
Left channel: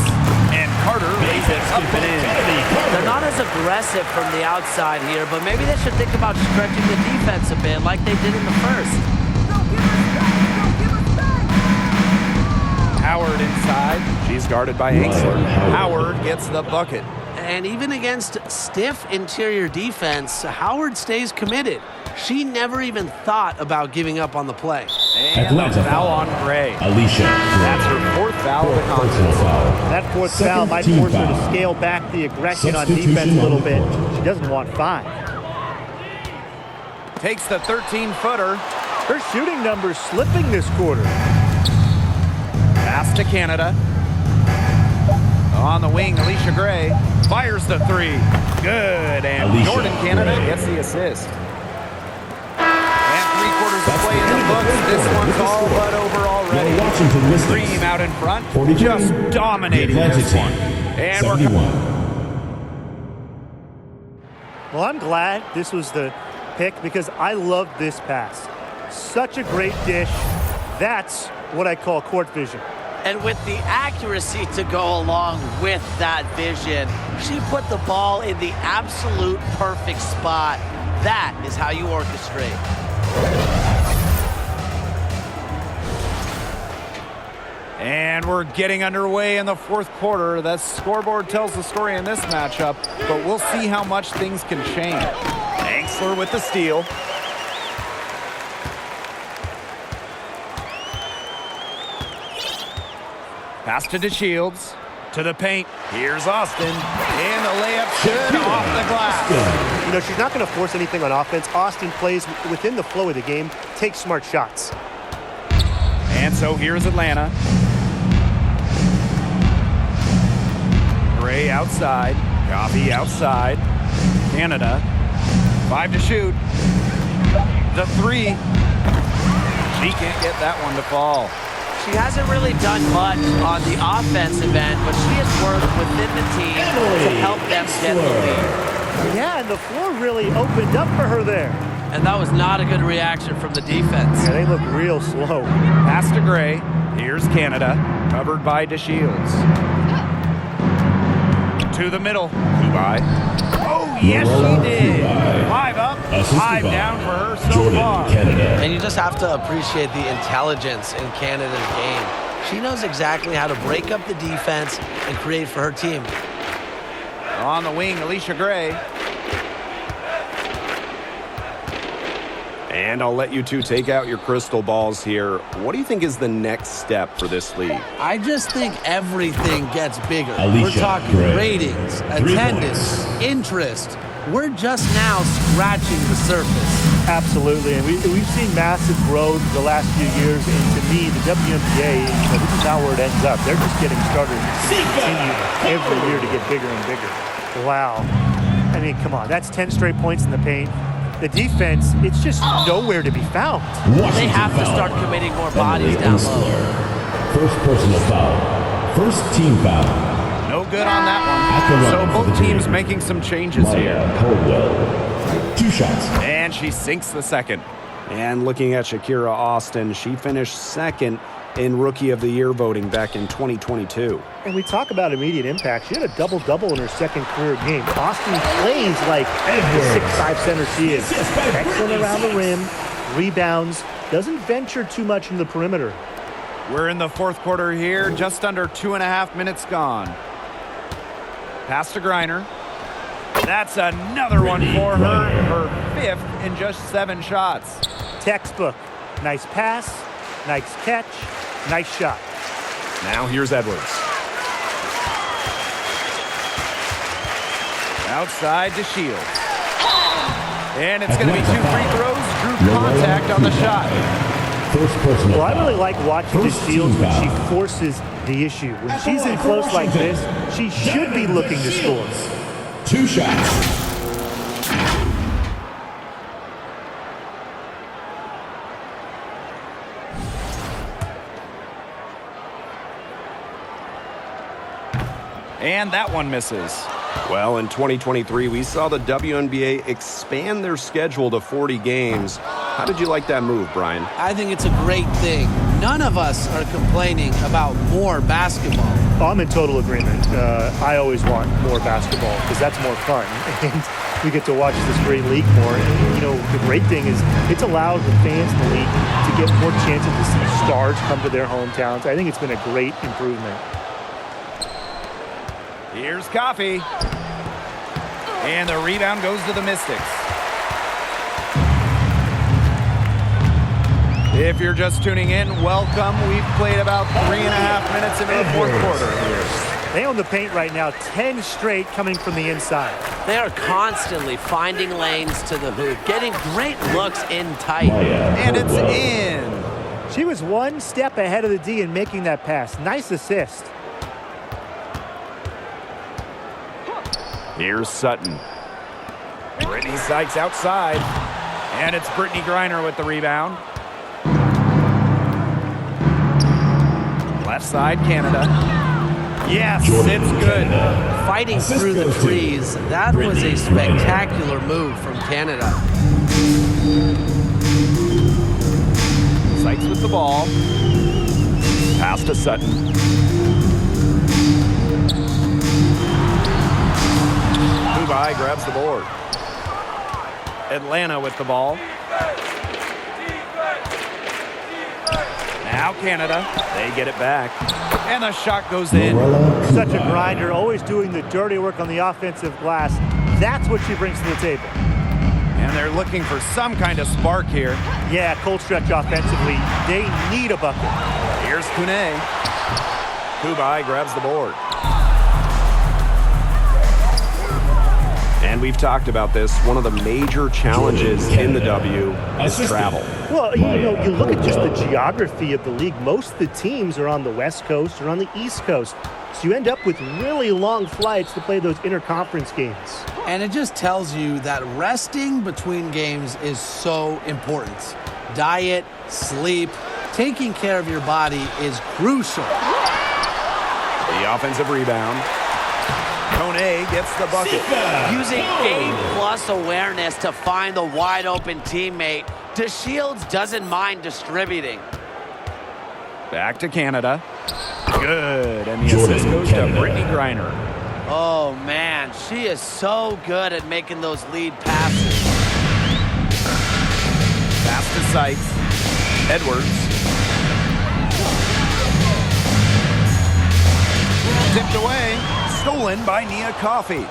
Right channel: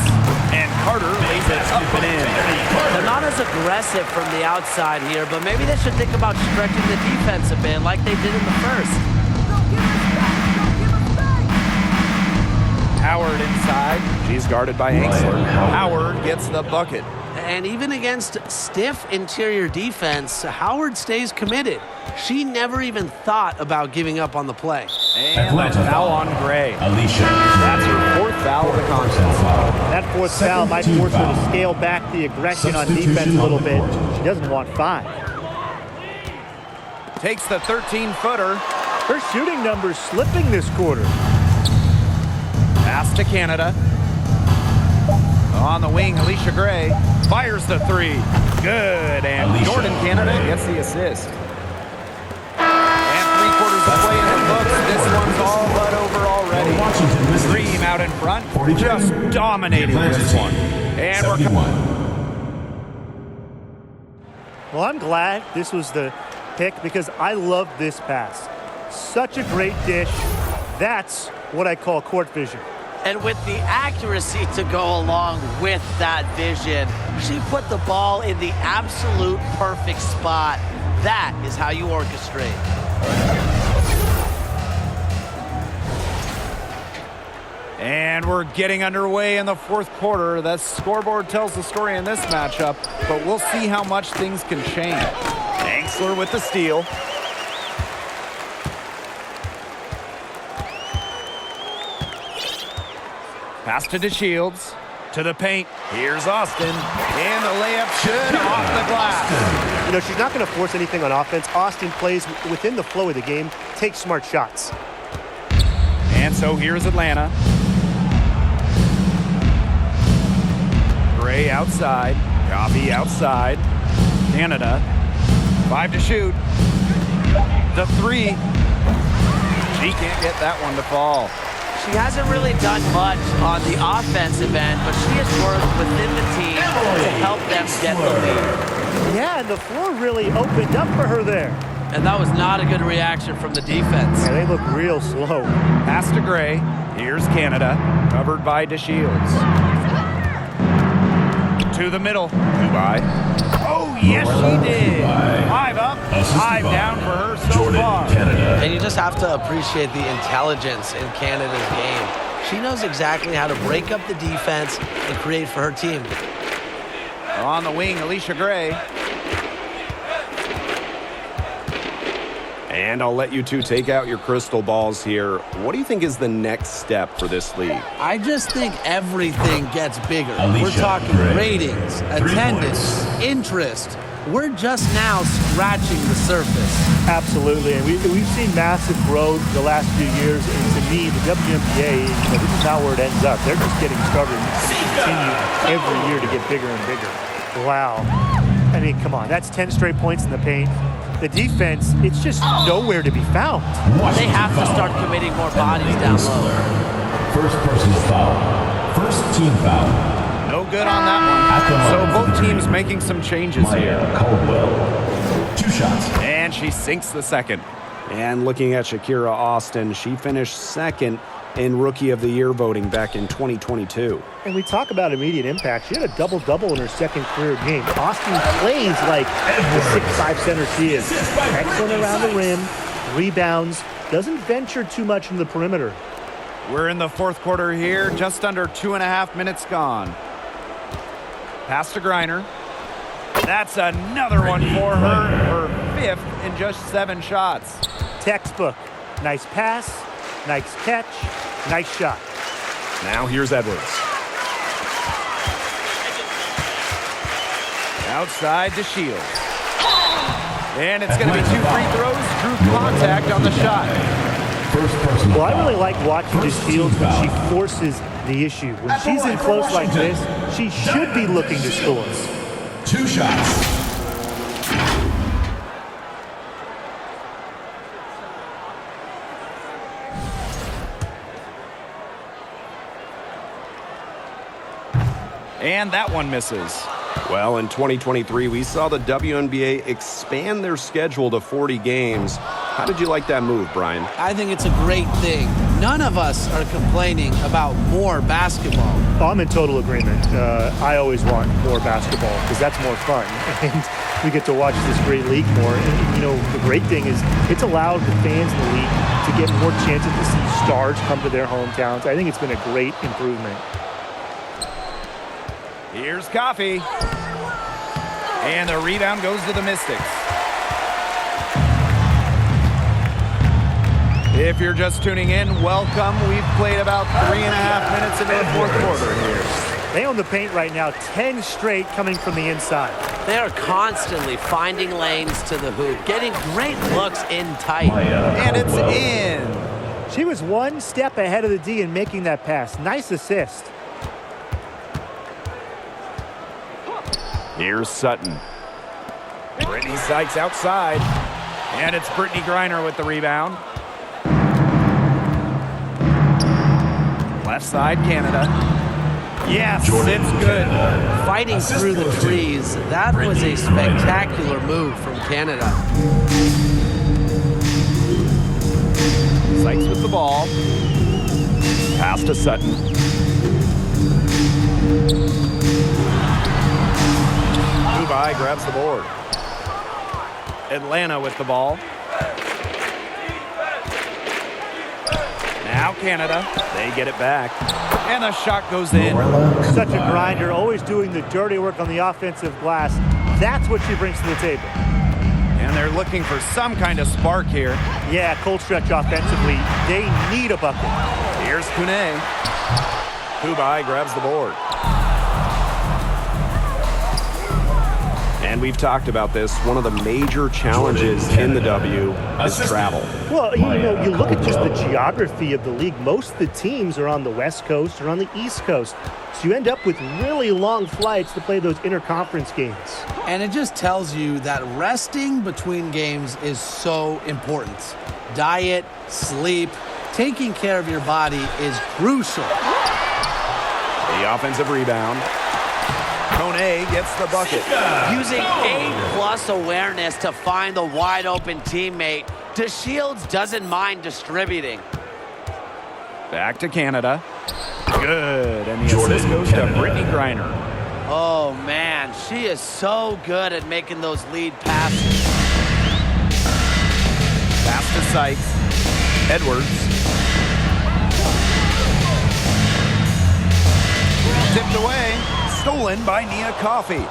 And Carter lays it up and in. They're not as aggressive from the outside here, but maybe they should think about stretching the defense a bit like they did in the first. Howard inside. She's guarded by Angsler. Howard gets the bucket. And even against stiff interior defense, Howard stays committed. She never even thought about giving up on the play. And the foul on Gray. Alicia. That's her 4th foul of the contest. That 4th foul might force her to scale back the aggression on defense a little bit. She doesn't want 5. Takes the 13-footer. Her shooting numbers slipping this quarter. Pass to Canada. On the wing, Alicia Gray fires the 3. Good. And Alicia Jordan Canada Gray gets the assist. And 3 quarters of play in the books. This one's all but over already. Washington Mystics. Dream out in front. 42. Just dominating Atlanta this team. one. And 71. Well, I'm glad this was the pick because I love this pass. Such a great dish. That's what I call court vision. And with the accuracy to go along with that vision, she put the ball in the absolute perfect spot. That is how you orchestrate. And we're getting underway in the 4th quarter. The scoreboard tells the story in this matchup, but we'll see how much things can change. Angsler with the steal. Pass to DeShields. To the paint. Here's Austin. And the layup should off the glass. You know, she's not going to force anything on offense. Austin plays within the flow of the game, takes smart shots. And so here's Atlanta. Gray outside. Coffee outside. Canada. 5 to shoot. The 3. She can't get that one to fall. She hasn't really done much on the offensive end, but she has worked within the team to help them get the lead. Yeah, and the floor really opened up for her there. And that was not a good reaction from the defense. Yeah, they look real slow. Pass to Gray. Here's Canada. Covered by DeShields. To the middle. Kubai. Oh, yes, she did. 5 up, 5 down for her so Jordan far. Canada. And you just have to appreciate the intelligence in Canada's game. She knows exactly how to break up the defense and create for her team. On the wing, Alicia Gray. And I'll let you two take out your crystal balls here. What do you think is the next step for this league? I just think everything gets bigger. Alicia We're talking Gray. ratings, attendance, interest. We're just now scratching the surface. Absolutely, and we've seen massive growth the last few years, and to me, the WNBA, this is not where it ends up. They're just getting started, and it's going to continue every year to get bigger and bigger. Wow. I mean, come on, that's 10 straight points in the paint. The defense, it's just nowhere to be found. They have to start committing more bodies down low. First personal foul. First team foul. No good on that one. So both teams making some changes here. Caldwell. 2 shots. And she sinks the second. And looking at Shakira Austin, she finished second in Rookie of the Year voting back in 2022. And we talk about immediate impact. She had a double-double in her second career game. Austin plays like the 6'5" center she is. Excellent around the rim, rebounds, doesn't venture too much in the perimeter. We're in the fourth quarter here, just under 2.5 minutes gone. Pass to Griner. That's another one for her. Her 5th in just 7 shots. Textbook. Nice pass, nice catch, nice shot. Now here's Edwards. Outside to Shields. And it's going to be 2 free throws. Drew contact on the shot. First personal Well, I foul. really like watching First DeShields team when foul. she forces the issue. When she's in close like this, she should be looking to score. 2 shots. And that one misses. Well, in 2023, we saw the WNBA expand their schedule to 40 games. How did you like that move, Brian? I think it's a great thing. None of us are complaining about more basketball. Oh, I'm in total agreement. I always want more basketball because that's more fun. And we get to watch this great league more. And, the great thing is it's allowed the fans in the league to get more chances to see stars come to their hometowns. I think it's been a great improvement. Here's Coffee. And the rebound goes to the Mystics. If you're just tuning in, welcome. We've played about 3.5 minutes into the fourth quarter here. They own the paint right now, 10 straight coming from the inside. They are constantly finding lanes to the hoop, getting great looks in tight. And it's in. She was one step ahead of the D in making that pass. Nice assist. Here's Sutton. Brittany Sykes outside. And it's Brittany Griner with the rebound. Left side, Canada. Yes, it's good. Fighting through the trees. That was a spectacular move from Canada. Sykes with the ball. Pass to Sutton. Kubai grabs the board. Atlanta with the ball. Now Canada. They get it back. And the shot goes in. Such a grinder, always doing the dirty work on the offensive glass. That's what she brings to the table. And they're looking for some kind of spark here. Yeah, cold stretch offensively. They need a bucket. Here's Kune. Kubai grabs the board. And we've talked about this. One of the major challenges in the W is travel. Well, you look at just the geography of the league. Most of the teams are on the West Coast or on the East Coast. So you end up with really long flights to play those interconference games. And it just tells you that resting between games is so important. Diet, sleep, taking care of your body is crucial. The offensive rebound. Kone gets the bucket. Using A+ awareness to find the wide open teammate, DeShields doesn't mind distributing. Back to Canada. Good. And the assist goes to Brittany Griner. Oh man, she is so good at making those lead passes. Pass to Sykes. Edwards. Tipped away. Stolen by Nia Coffey.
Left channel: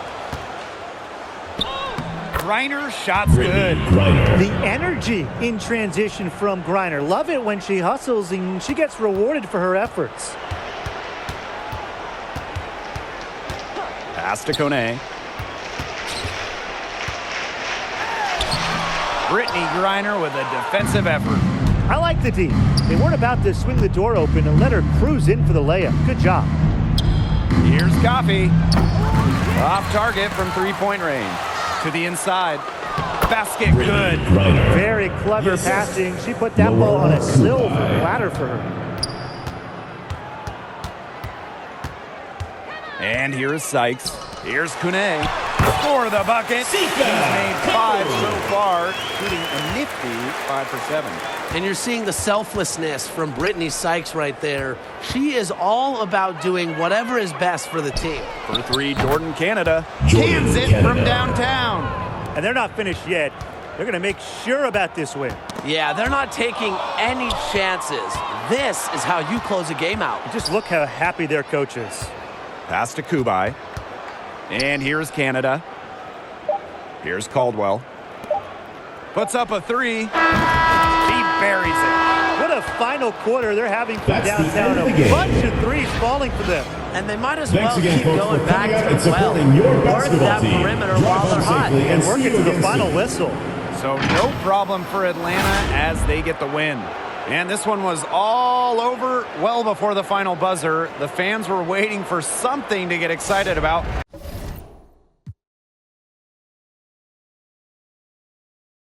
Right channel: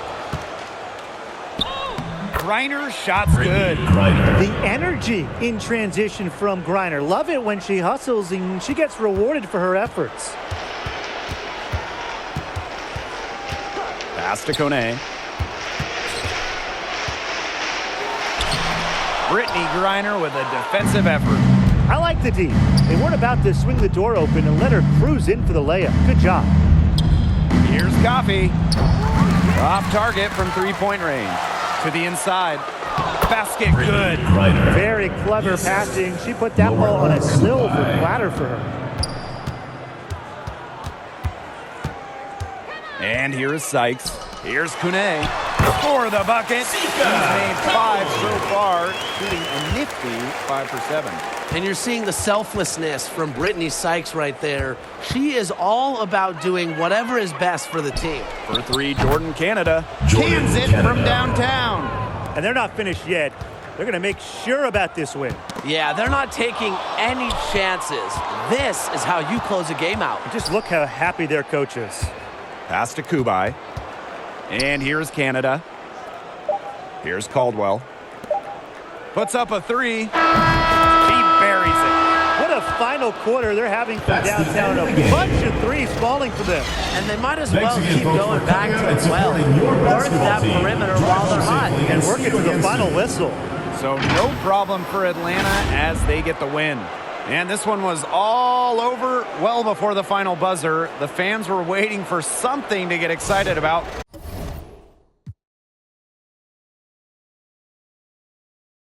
Griner, shot's good. Griner. The energy in transition from Griner. Love it when she hustles and she gets rewarded for her efforts. Pass to Kone. Brittany Griner with a defensive effort. I like the D. They weren't about to swing the door open and let her cruise in for the layup. Good job. Here's Coffee. Off target from three-point range. To the inside. Basket good. Griner. Very clever passing. She put that ball on a silver platter for her. And here is Sykes. Here's Kune. For the bucket. She's made 5 so far, shooting a nifty 5 for 7. And you're seeing the selflessness from Brittany Sykes right there. She is all about doing whatever is best for the team. For 3, Jordan Canada. Cans it from downtown. And they're not finished yet. They're going to make sure about this win. Yeah, they're not taking any chances. This is how you close a game out. Just look how happy their coach is. Pass to Kubai. And here's Canada. Here's Caldwell. Puts up a 3. He buries it. What a final quarter they're having from That's the downtown. end of A the game. bunch of threes falling for them. And they might as Thanks well again, keep folks, going for back coming out to and the well. supporting your Work basketball that team. perimeter Drive while home they're hot. safely And see work it you to the again final soon. whistle. So no problem for Atlanta as they get the win. And this one was all over well before the final buzzer. The fans were waiting for something to get excited about.